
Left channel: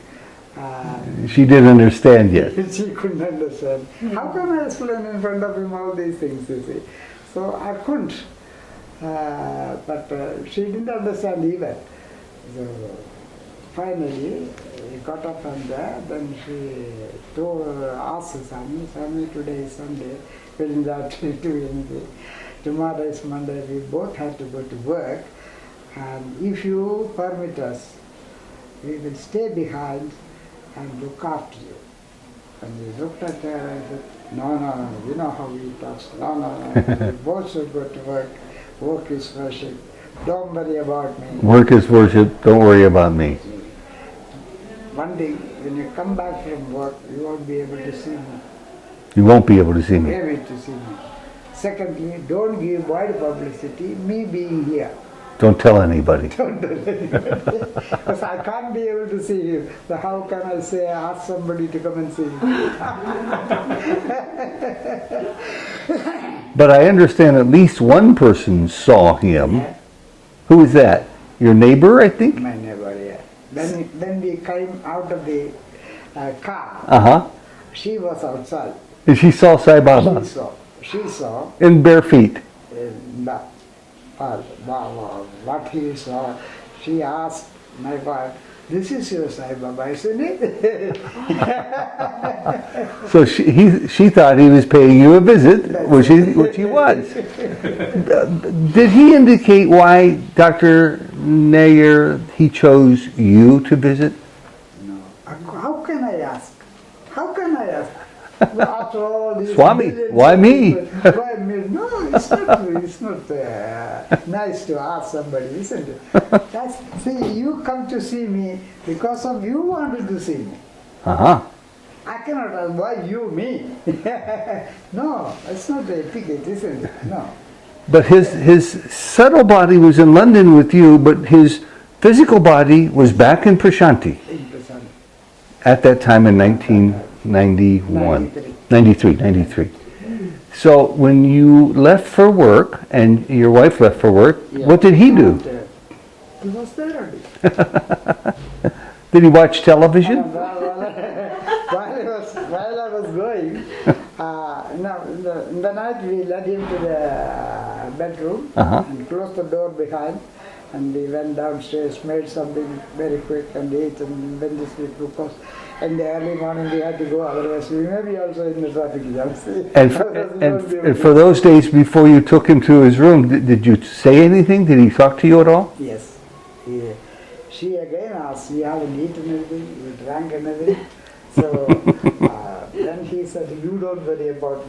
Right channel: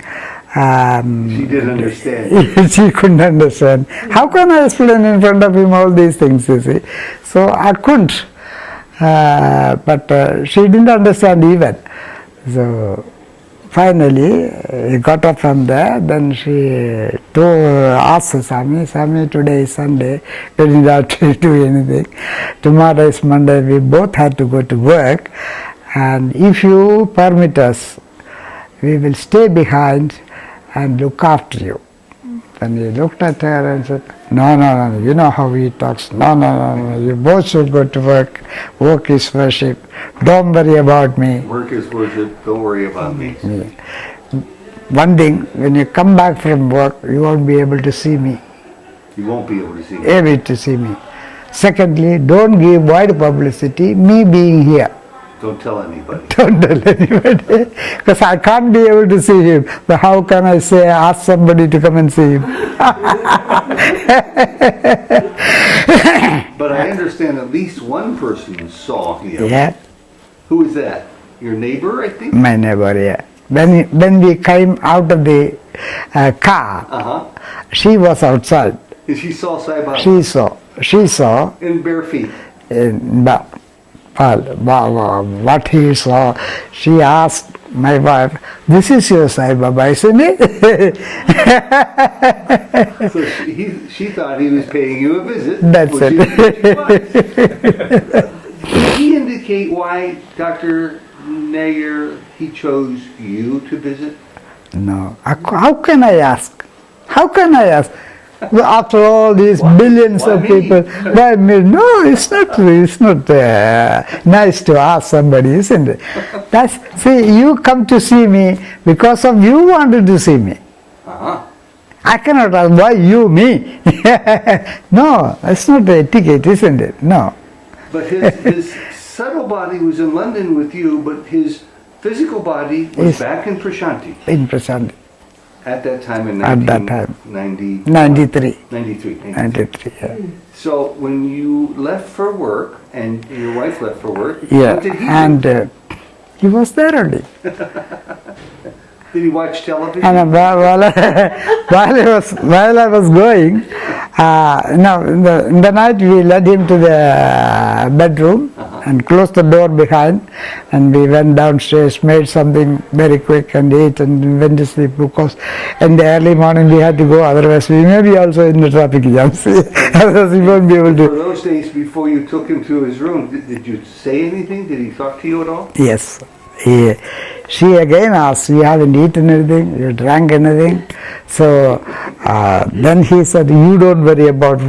She didn't understand you. She couldn't understand. How can I explain in front of him all these things, you see? So I couldn't. But she didn't understand even. So finally, he got up from there. Then she asked Swami, today is Sunday, we didn't have to do anything. Tomorrow is Monday, we both had to go to work. And if you permit us, we will stay behind and look after you. Then he looked at her and said, no, you know how he talks. No, you both should go to work. Work is worship. Don't worry about me. Work is worship, don't worry about me. One thing, when you come back from work, you won't be able to see me. You won't be able to see me. Able to see me. Secondly, don't give wide publicity, me being here. Don't tell anybody. Don't tell anybody. Because I can't be able to see him. But how can I say, ask somebody to come and see him? But I understand at least one person saw him. Yeah. Who is that? Your neighbor, I think? My neighbor, yeah. When we came out of the car, she was outside. And she saw Sai Baba? She saw. In bare feet? What he saw, she asked my wife, "This is your Sai Baba, isn't it?" So she thought he was paying you a visit, That's which it. he was. Did he indicate why, Dr. Nayar, he chose you to visit? No. How can I ask? How can I ask? After all these billions why of me? people, why me? No, it's not. It's not nice to ask somebody, isn't it? See, you come to see me because of you wanted to see me. I cannot ask why you me. No, it's not the etiquette, isn't it? No. But his subtle body was in London with you, but his physical body was back in Prashanti. In Prashanti. At that time in 1993. 93. Yeah. So when you left for work, and your wife left for work, what did he do? And he was there only. Did he watch television? And while I was going, in the night we led him to the bedroom and closed the door behind, and we went downstairs, made something very quick and ate and went to sleep, because in the early morning we had to go, otherwise we may be also in the traffic jams. Otherwise we won't be able to. For those days before you took him to his room, did you say anything? Did he talk to you at all? Yes. She again asked, "You haven't eaten anything? You drank anything?" So then he said, "You don't worry about."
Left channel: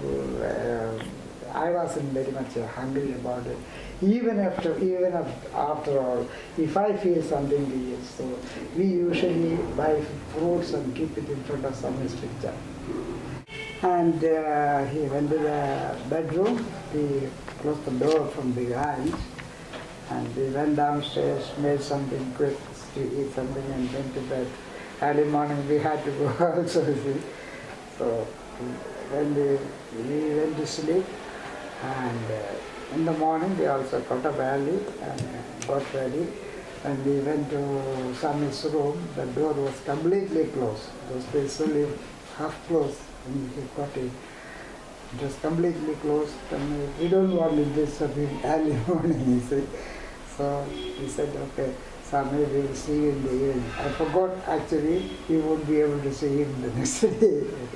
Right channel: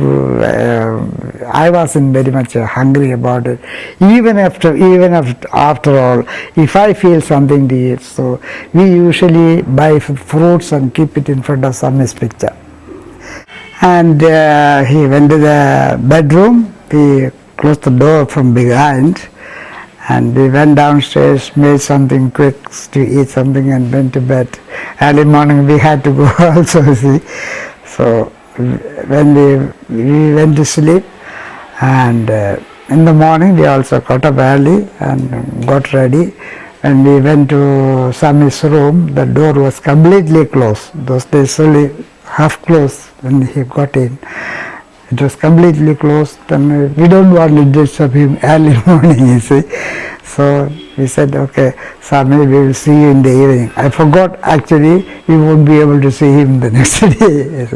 I wasn't very much hungry about it. Even after all, if I feel something to eat, so we usually buy fruits and keep it in front of Sami's picture. And he went to the bedroom. We closed the door from behind. And we went downstairs, made something quick to eat something, and went to bed. Early morning we had to go also, see. So when we went to sleep, and in the morning we also got up early and got ready. And we went to Sami's room. The door was completely closed. Those days only half closed when he got in. It was completely closed, and we don't want to disturb him early morning, you see. So we said, "Okay, Sami, we will see you in the evening." I forgot, actually, we won't be able to see him the next day.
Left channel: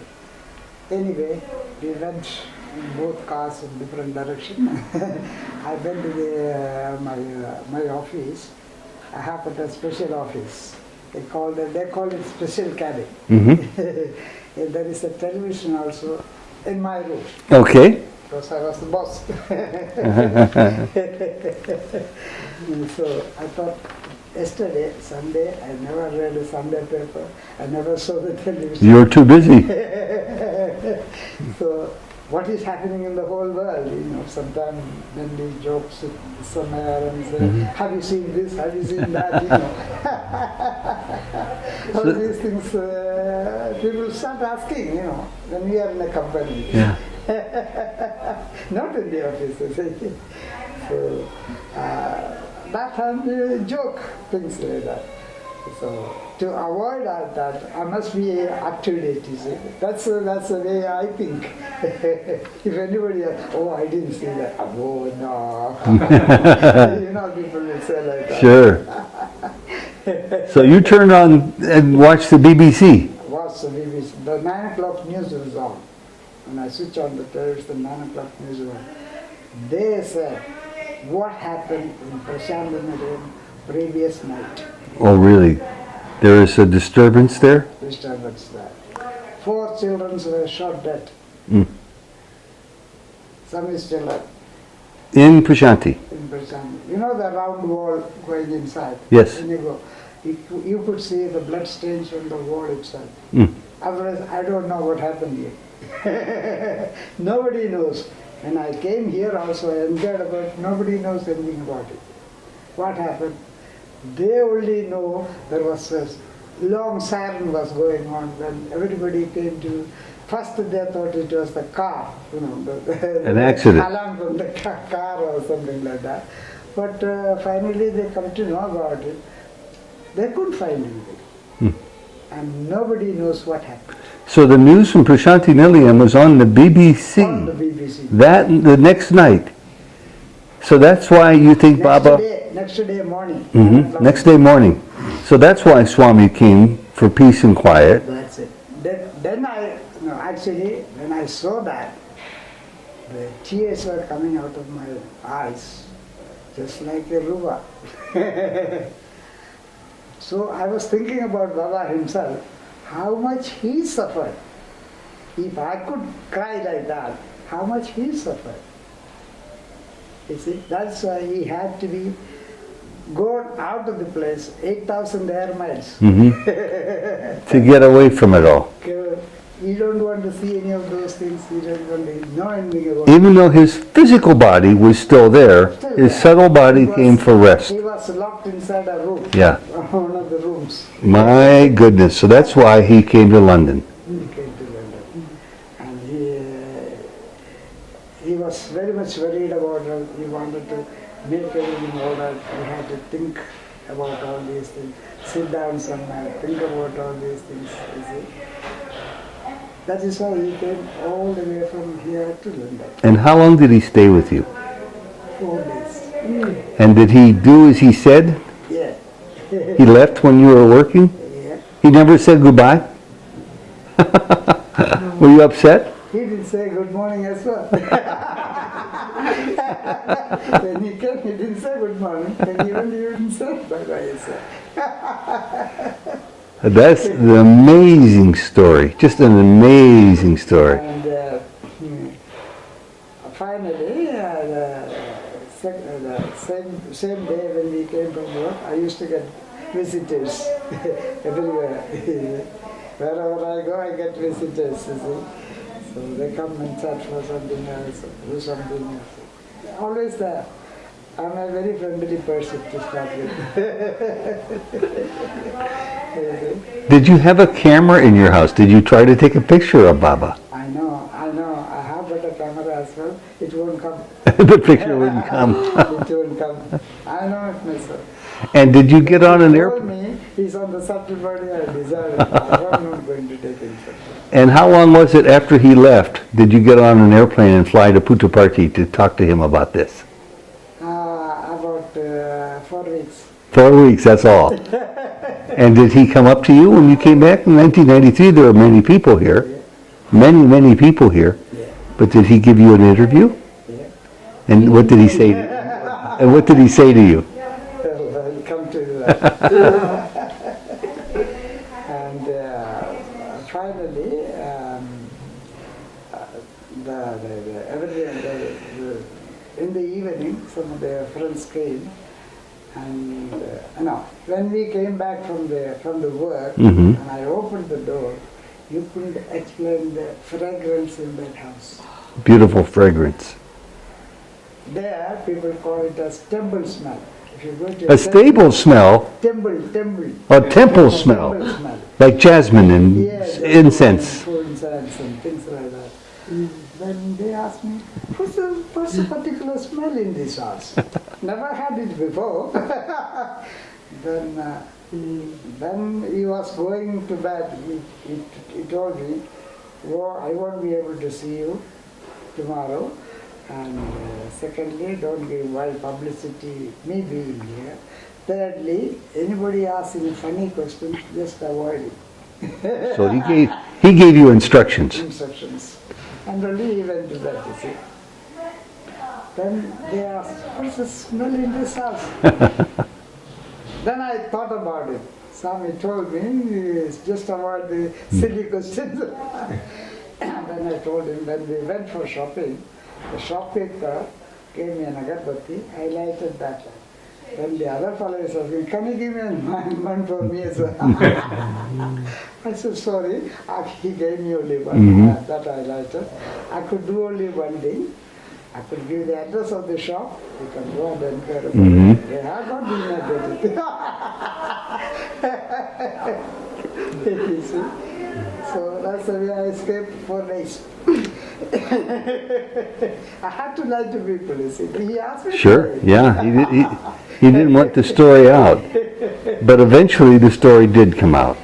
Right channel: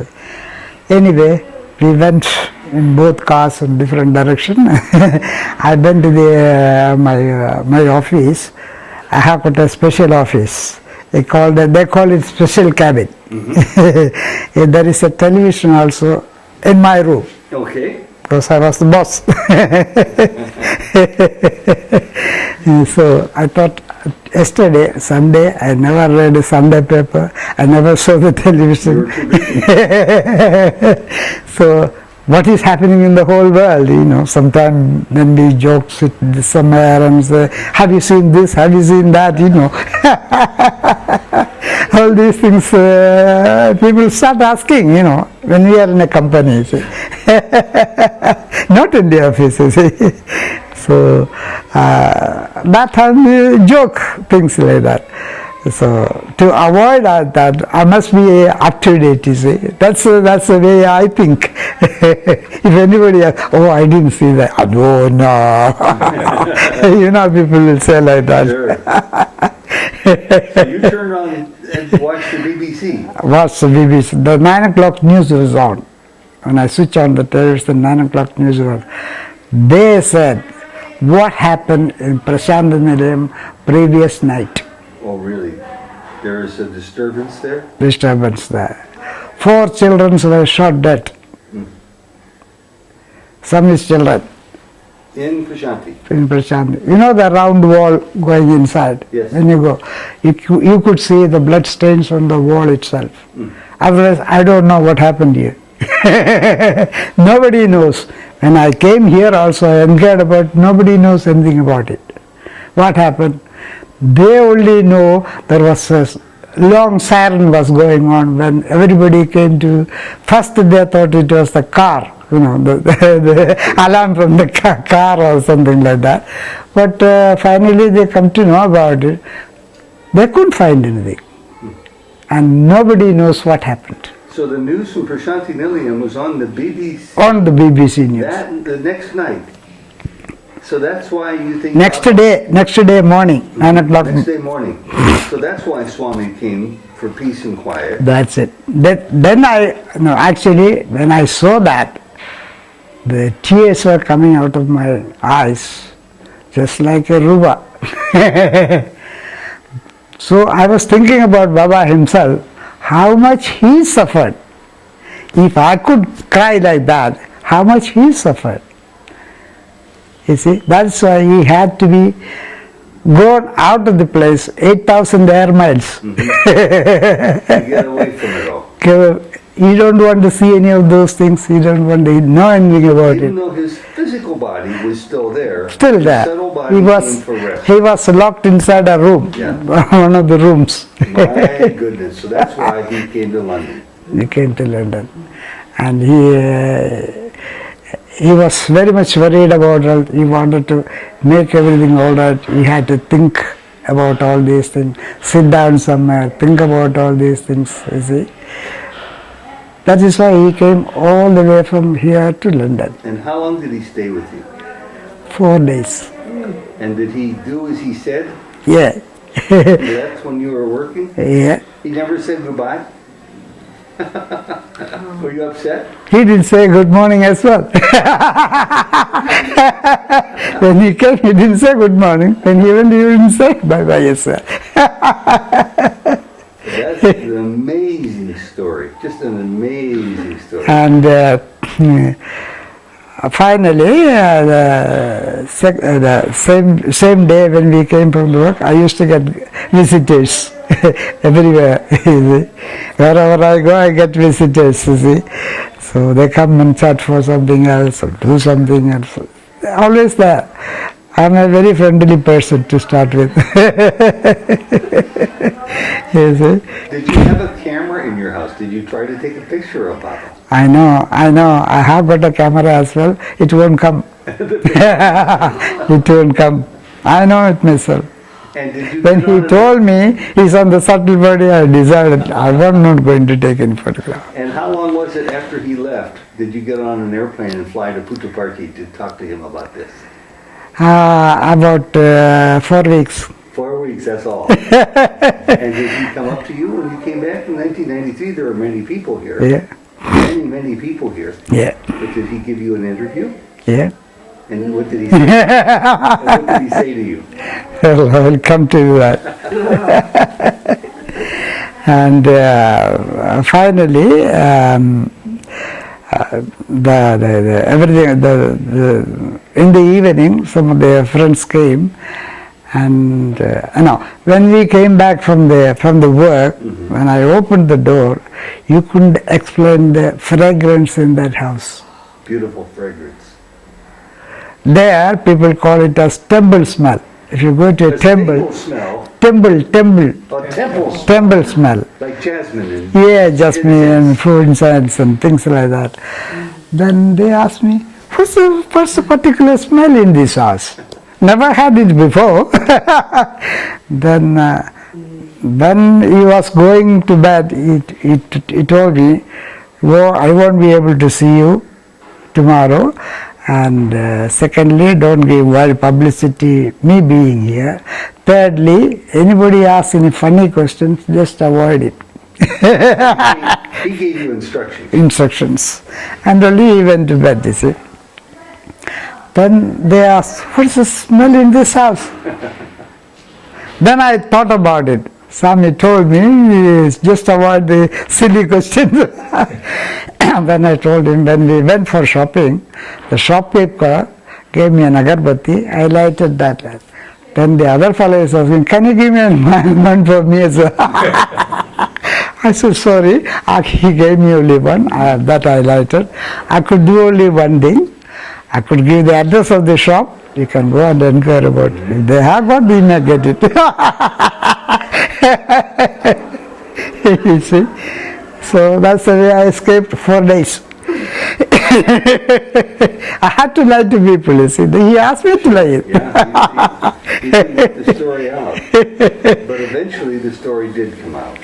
Anyway, we went in both cars in different directions. I went to my office. I have got a special office. They call it special cabin. There is a television also in my room. Okay. Because I was the boss. So I thought, yesterday, Sunday, I never read a Sunday paper. I never saw the television. You were too busy. So what is happening in the whole world, sometimes when we joke with somewhere and say, "Have you seen this? Have you seen that?" All these things, people start asking, when we are in a company. Not in the offices. So that time we joke, things like that. So to avoid that, I must be up to date, you see. That's the way I think. If anybody asks, "Oh, I didn't see that." "Oh, no." People will say like that. Sure. So you turned on and watched the BBC. Watched the BBC. The 9 o'clock news was on. When I switch on the television, 9 o'clock news was on. They said what happened in Prashanti Nilayam previous night. Oh, really? There is a disturbance there? Disturbance there. 4 children were shot dead. Some is children. In Prashanti? In Prashanti. The round wall going inside? Yes. When you go, you could see the blood stains on the wall itself. Otherwise, I don't know what happened here. Nobody knows. When I came here also, I inquired about, nobody knows anything about it. What happened? They only know there was a long siren was going on when everybody came to. First they thought it was the car, the alarm from the car or something like that. But finally they come to know about it. They couldn't find anything. And nobody knows what happened. So the news from Prashanti Nilayam was on the BBC. On the BBC news. That the next night. So that's why you think Next day morning, 9 o'clock. Next day morning. So that's why Swami came for peace and quiet. That's it. Then actually, when I saw that, the tears were coming out of my eyes, just like a ruba. So I was thinking about Baba himself, how much he suffered. If I could cry like that, how much he suffered. You see, that's why he had to be gone out of the place, 8,000 air miles. To get away from it all. You don't want to see any of those things, you don't want to know anything about it. Even though his physical body was still there, his subtle body came for rest. He was locked inside a room, one of the rooms. My goodness, so that's why he came to London. He came to London. And he was very much worried about it. He wanted to make everything all right. He had to think about all these things, sit down somewhere, think about all these things, you see. That is why he came all the way from here to London. And how long did he stay with you? 4 days. And did he do as he said? Yeah. He left when you were working? Yeah. He never said goodbye? Were you upset? He didn't say good morning as well. When he came, he didn't say good morning. When he went, he didn't say bye-bye, yes sir. That's an amazing story, just an amazing story. And finally, the same day when we came from the work, I used to get visitors everywhere. Wherever I go, I get visitors, you see. So they come and chat for something else or do something else. They're always there. I'm a very friendly person to start with. Did you have a camera in your house? Did you try to take a picture of Baba? I know. I have got a camera as well. It won't come. It won't come. I know it myself. And did you when he told me he's on the subtle body, I decided I was not going to take any photograph. And how long was it after he left? Did you get on an airplane and fly to Puttaparthi to talk to him about this? About 4 weeks. 4 weeks, that's all. And did he come up to you when you came back in 1993? There were many people here. Yeah. Many people here. Yeah. But did he give you an interview? Yeah. And what did he say? And what did he say to you? Well, I will come to that. And finally, in the evening, some of their friends came, and when we came back from the work, when I opened the door, you couldn't explain the fragrance in that house. Beautiful fragrance. There, people call it as temple smell. If you go to a temple, stable smell. Temple. A temple smell. Temple smell. Like jasmine and jasmine incense. and food incense and things like that. Then they asked me, what's the particular smell in this house? Never had it before. Then when he was going to bed, he told me, "Well, I won't be able to see you tomorrow. And secondly, don't give wide publicity me being here. Thirdly, anybody asks any funny questions, just avoid it." So he gave you instructions. Instructions. And only he went to bed, you see. Then they asked, what's the smell in this house? Then I thought about it. Swami told me, just avoid the silly questions. Then I told him, when we went for shopping, the shopkeeper gave me an agarbatti. I lighted that. Then the other fellow is asking, can you give me one for me as well? I said, sorry. He gave me only one, that I lighted. I could do only one thing. I could give the address of the shop You can go and inquire about it. If they have got, we may get it. You see? So that's the way I escaped 4 days. I had to lie to people, you see. He asked me to lie. Yeah, he didn't want the story out. But eventually the story did come out.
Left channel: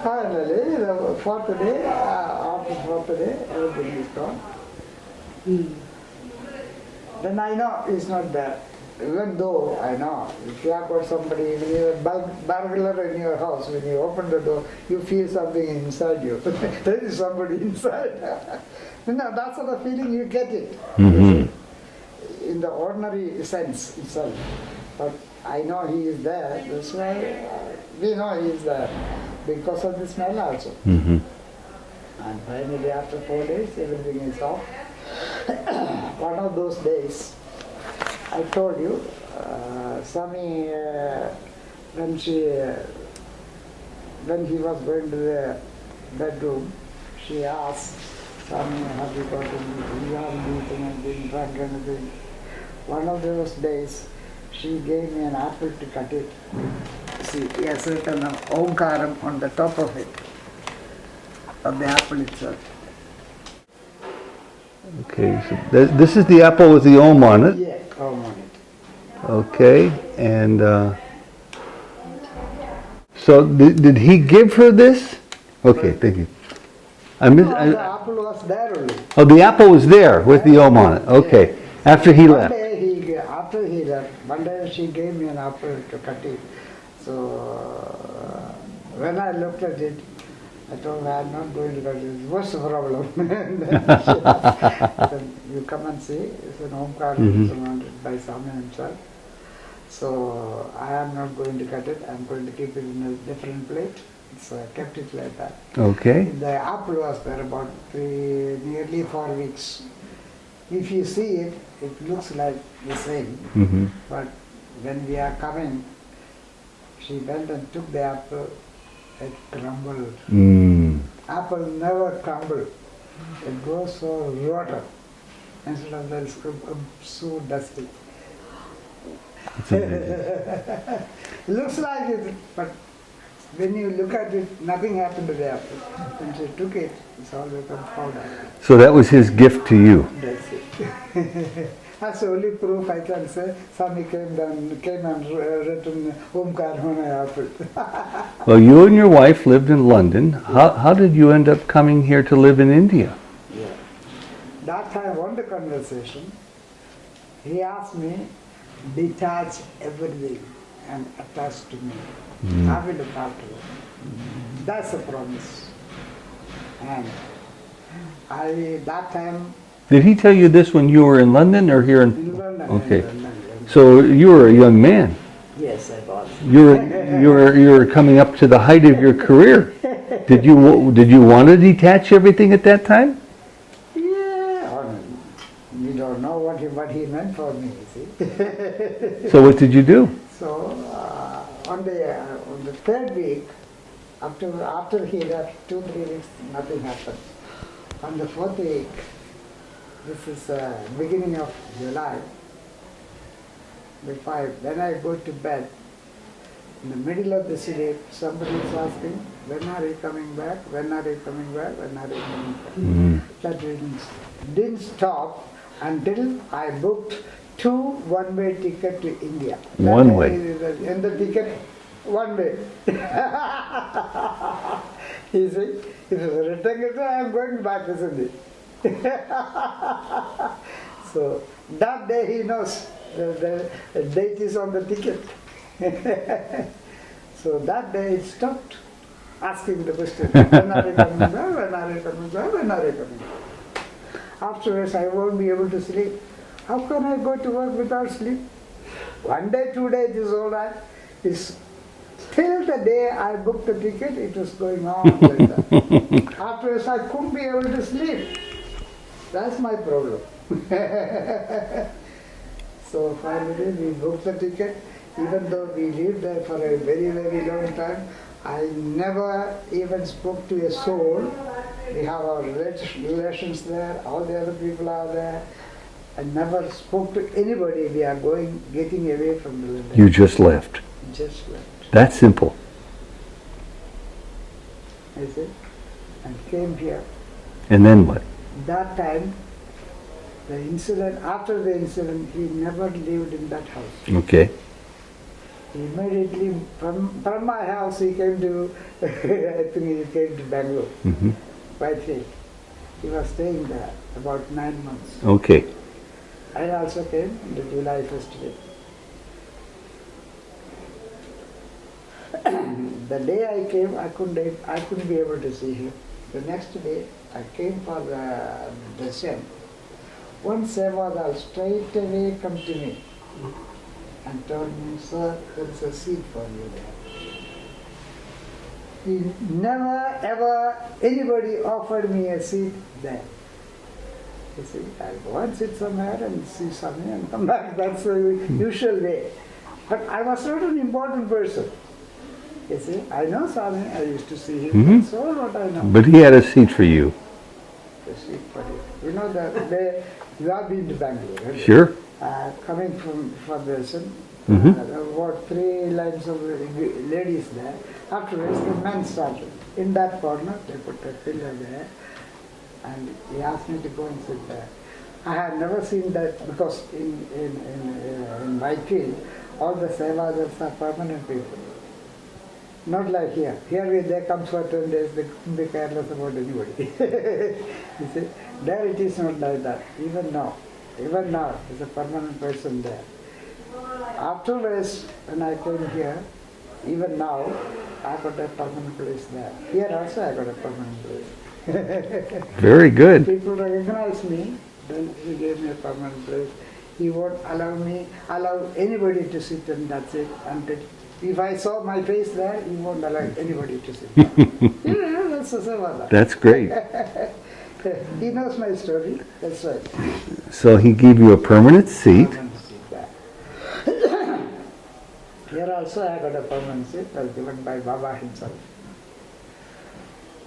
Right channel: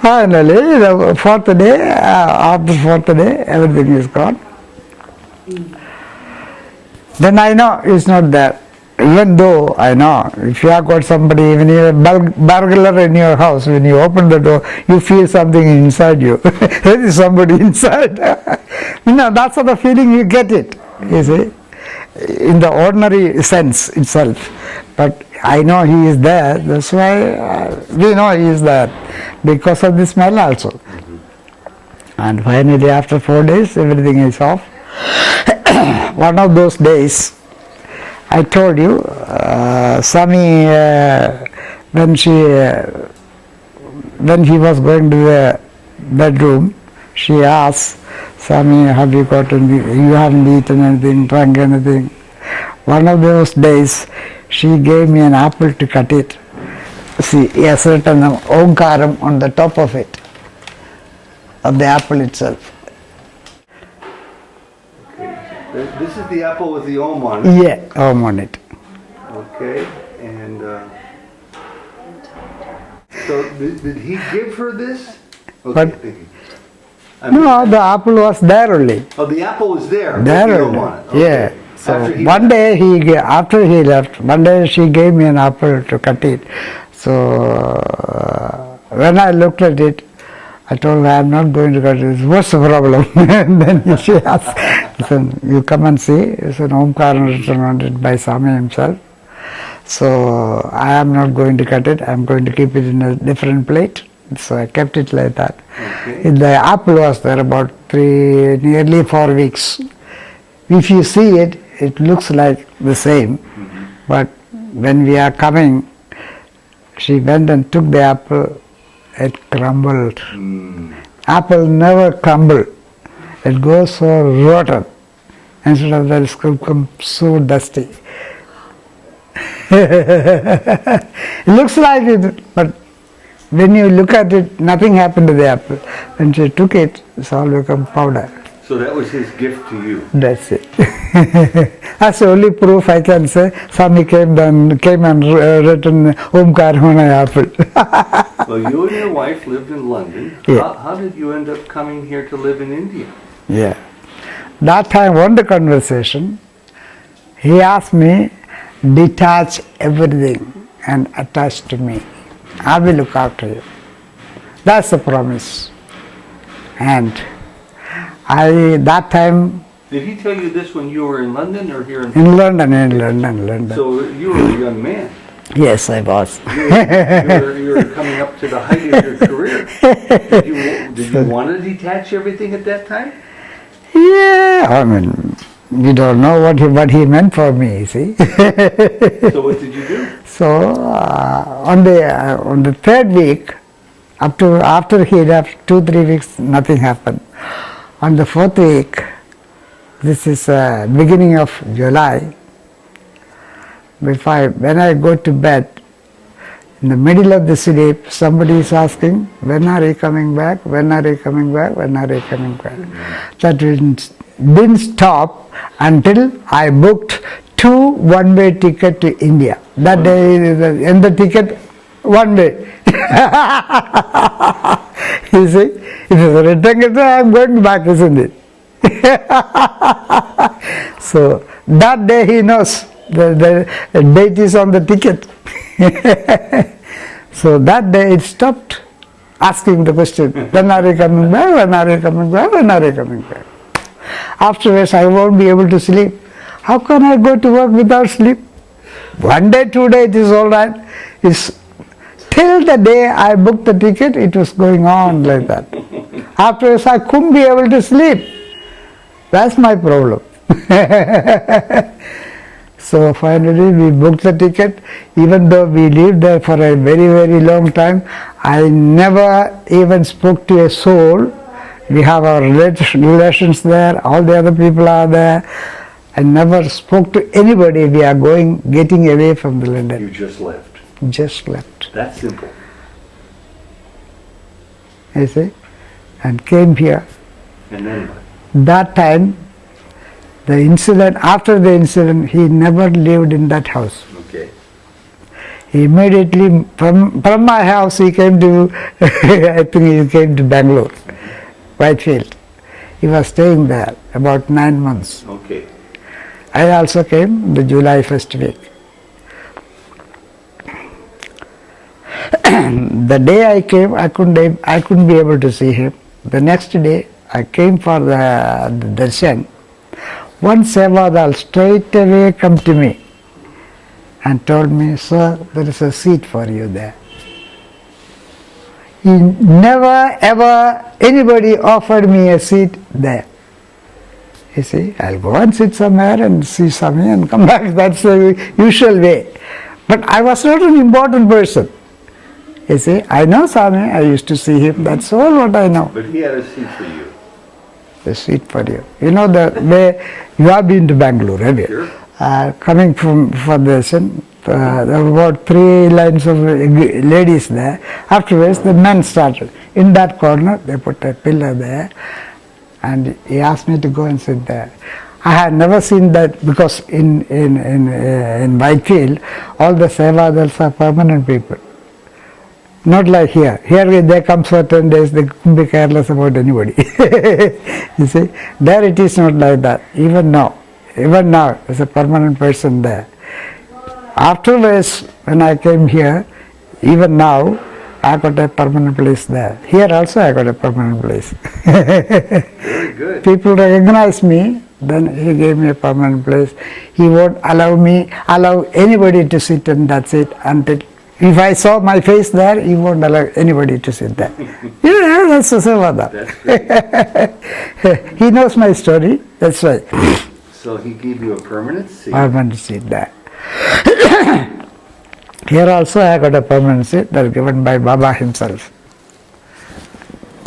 Finally, the fourth day, after fourth day, everything is gone. Then I know it's not there. Even though I know, if you have got somebody, even a burglar in your house, when you open the door, you feel something inside you. There is somebody inside. That's the feeling you get it, you see, in the ordinary sense itself. But I know he is there, that's why we know he is there, because of the smell also. And finally, after 4 days, everything is off. One of those days, I told you, Swami, when he was going to the bedroom, she asked, Swami, have you got anything? You haven't eaten anything, drunk anything? One of those days, she gave me an apple to cut it. See, a certain omkaram on the top of it, of the apple itself. Okay, so this is the apple with the Om on it? Yeah, Om on it. Okay, and so did he give her this? Okay, thank you. No, the apple was there only. Oh, the apple was there with the Om on it. Okay. Yeah. So after he one left. day after he left, one day she gave me an apple to cut it. So when I looked at it, I told her, I'm not going to cut it. What's the problem? And then she asked, listen, you come and see. It's an Omkara written on it by Swami himself. So I am not going to cut it. I'm going to keep it in a different plate. So I kept it like that. Okay. The apple was there about nearly 4 weeks. If you see it, it looks like the same. But when we are coming, she went and took the apple. It crumbled. Apple never crumble. It goes so rotten. Instead of that, it's become so dusty. It looks like it, but when you look at it, nothing happened to the apple. When she took it, it's all become powder. So that was his gift to you? That's it. That's the only proof I can say. Swami came and written Omkar on an apple. Well, you and your wife lived in London. Yeah. How did you end up coming here to live in India? Yeah. That time, on the conversation, he asked me, detach everything and attach to me. I will look after you. That's the promise. And that time... Did he tell you this when you were in London or here in... In London, okay. in London. So you were a young man. Yes, I was. You were coming up to the height of your career. Did you want to detach everything at that time? Yeah, I mean, you don't know what he meant for me, see. So what did you do? So on the third week, after he left, 2-3 weeks, nothing happened. On the fourth week, this is beginning of July, when I go to bed, in the middle of the sleep, somebody is asking, when are you coming back? When are you coming back? When are you coming back? That didn't stop until I booked 2 one-way tickets to India. That day, in the ticket, one way. You see, it is a return ticket, I am going back, isn't it? So that day he knows the date is on the ticket. So that day it stopped asking the question, when are you coming back, when are you coming back, when are you coming back? Afterwards I won't be able to sleep. How can I go to work without sleep? 1 day, 2 days it is all right. Till the day I booked the ticket, it was going on like that. Afterwards I couldn't be able to sleep. That's my problem. So finally we booked the ticket. Even though we lived there for a very, very long time, I never even spoke to a soul. We have our relations there, all the other people are there. I never spoke to anybody. We are getting away from the London. You just left. Just left. That simple. You see, and came here. And then what? That time, after the incident, he never lived in that house. Okay. He immediately, from my house, he came to, I think he came to Bangalore, Whitefield. He was staying there about 9 months. Okay. I also came the July first week. The day I came, I couldn't be able to see him. The next day, I came for the darshan. One Sevadal straight away come to me and told me, sir, there is a seat for you there. He never ever anybody offered me a seat there. You see, I'll go and sit somewhere and see Swami and come back. That's the usual way. But I was not an important person. You see, I know Swami, I used to see him. That's all what I know. But he had a seat for you. A seat for you. You know the way you have been to Bangalore, have you? Sure. Coming from the darshan, there were about 3 lines of ladies there. Afterwards, the men started. In that corner, they put a pillar there, and he asked me to go and sit there. I had never seen that because in Whitefield, all the Sevadals are permanent people. Not like here. Here they come for 10 days, they couldn't be careless about anybody. You see, there it is not like that. Even now, there's a permanent person there. Afterwards, when I came here, even now, I got a permanent place there. Here also I got a permanent place. Very good. People recognize me, then he gave me a permanent place. He won't allow anybody to sit and that's it until, if I saw my face there, he won't allow anybody to sit there. Yeah, that's the Sevada. That's great. He knows my story, that's why. So he gave you a permanent seat. Permanent seat there. Here also I got a permanent seat that was given by Baba himself.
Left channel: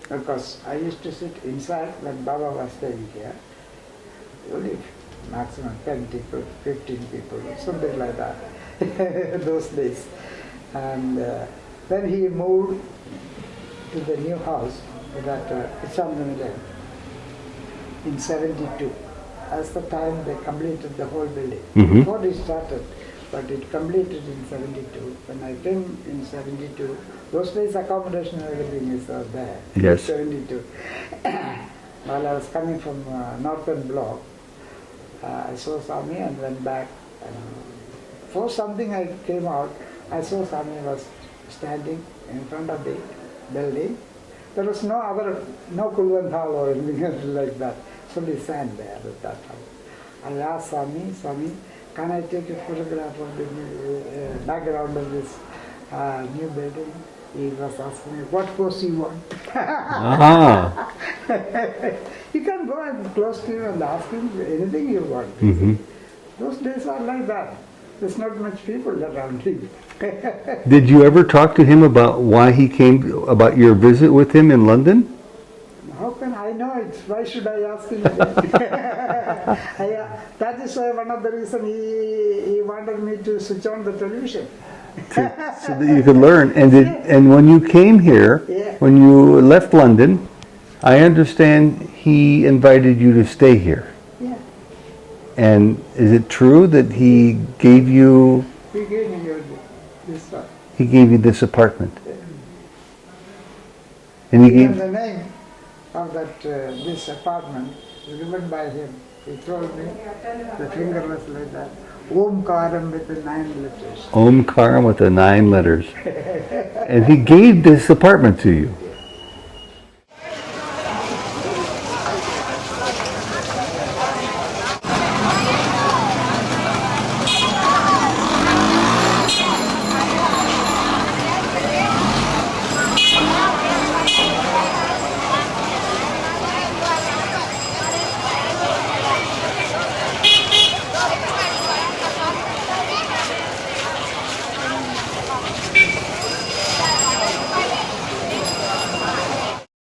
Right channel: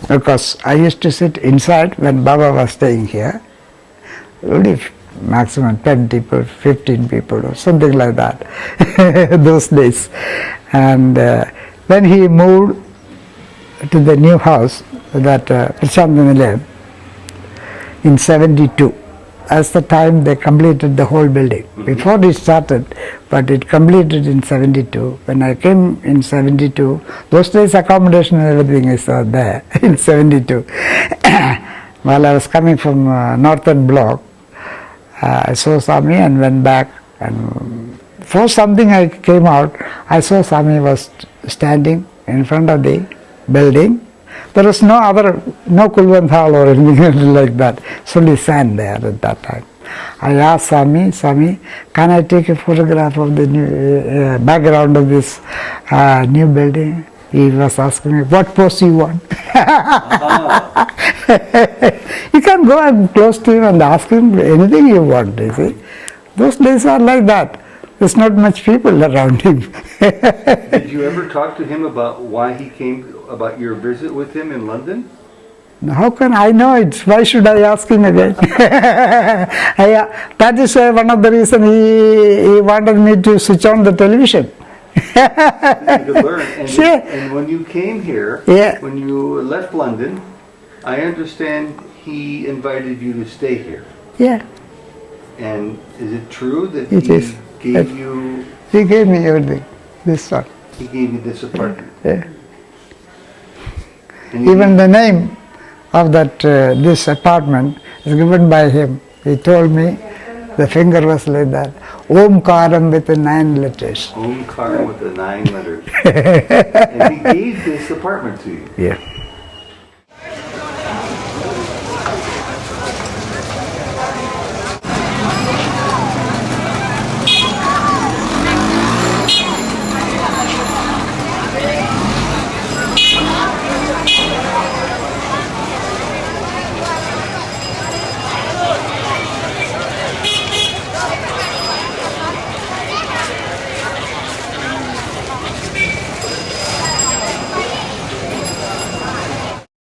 Because I used to sit inside when Baba was staying here. Only maximum 10 people, 15 people or something like that, those days. And when he moved to the new house, that Prashant in 72, that's the time they completed the whole building. Before it started, but it completed in 72. When I came in 72, those days accommodation and everything is there in 72. While I was coming from Northern Block, I saw Swami and went back, and for something I came out, I saw Swami was standing in front of the building. There was no Kulwant hall or anything like that. It's only sand there at that time. I asked Swami, can I take a photograph of the new background of this new building? He was asking me, what pose you want? You can go and close to him and ask him anything you want. You see. Those days are like that. There's not much people around him. Did you ever talk to him about why he came, about your visit with him in London? How can I know it? Why should I ask him again? That is one of the reasons he wanted me to switch on the television. So that you could learn. And, and when you came here, when you left London, I understand he invited you to stay here. Yeah. And is it true that he gave you... He gave me everything, this one. He gave you this apartment? Yeah. And even the name of that this apartment is given by him. He told me, the finger was like that. Omkaram with the 9 letters. Omkaram with the 9 letters. And he gave this apartment to you? Yeah.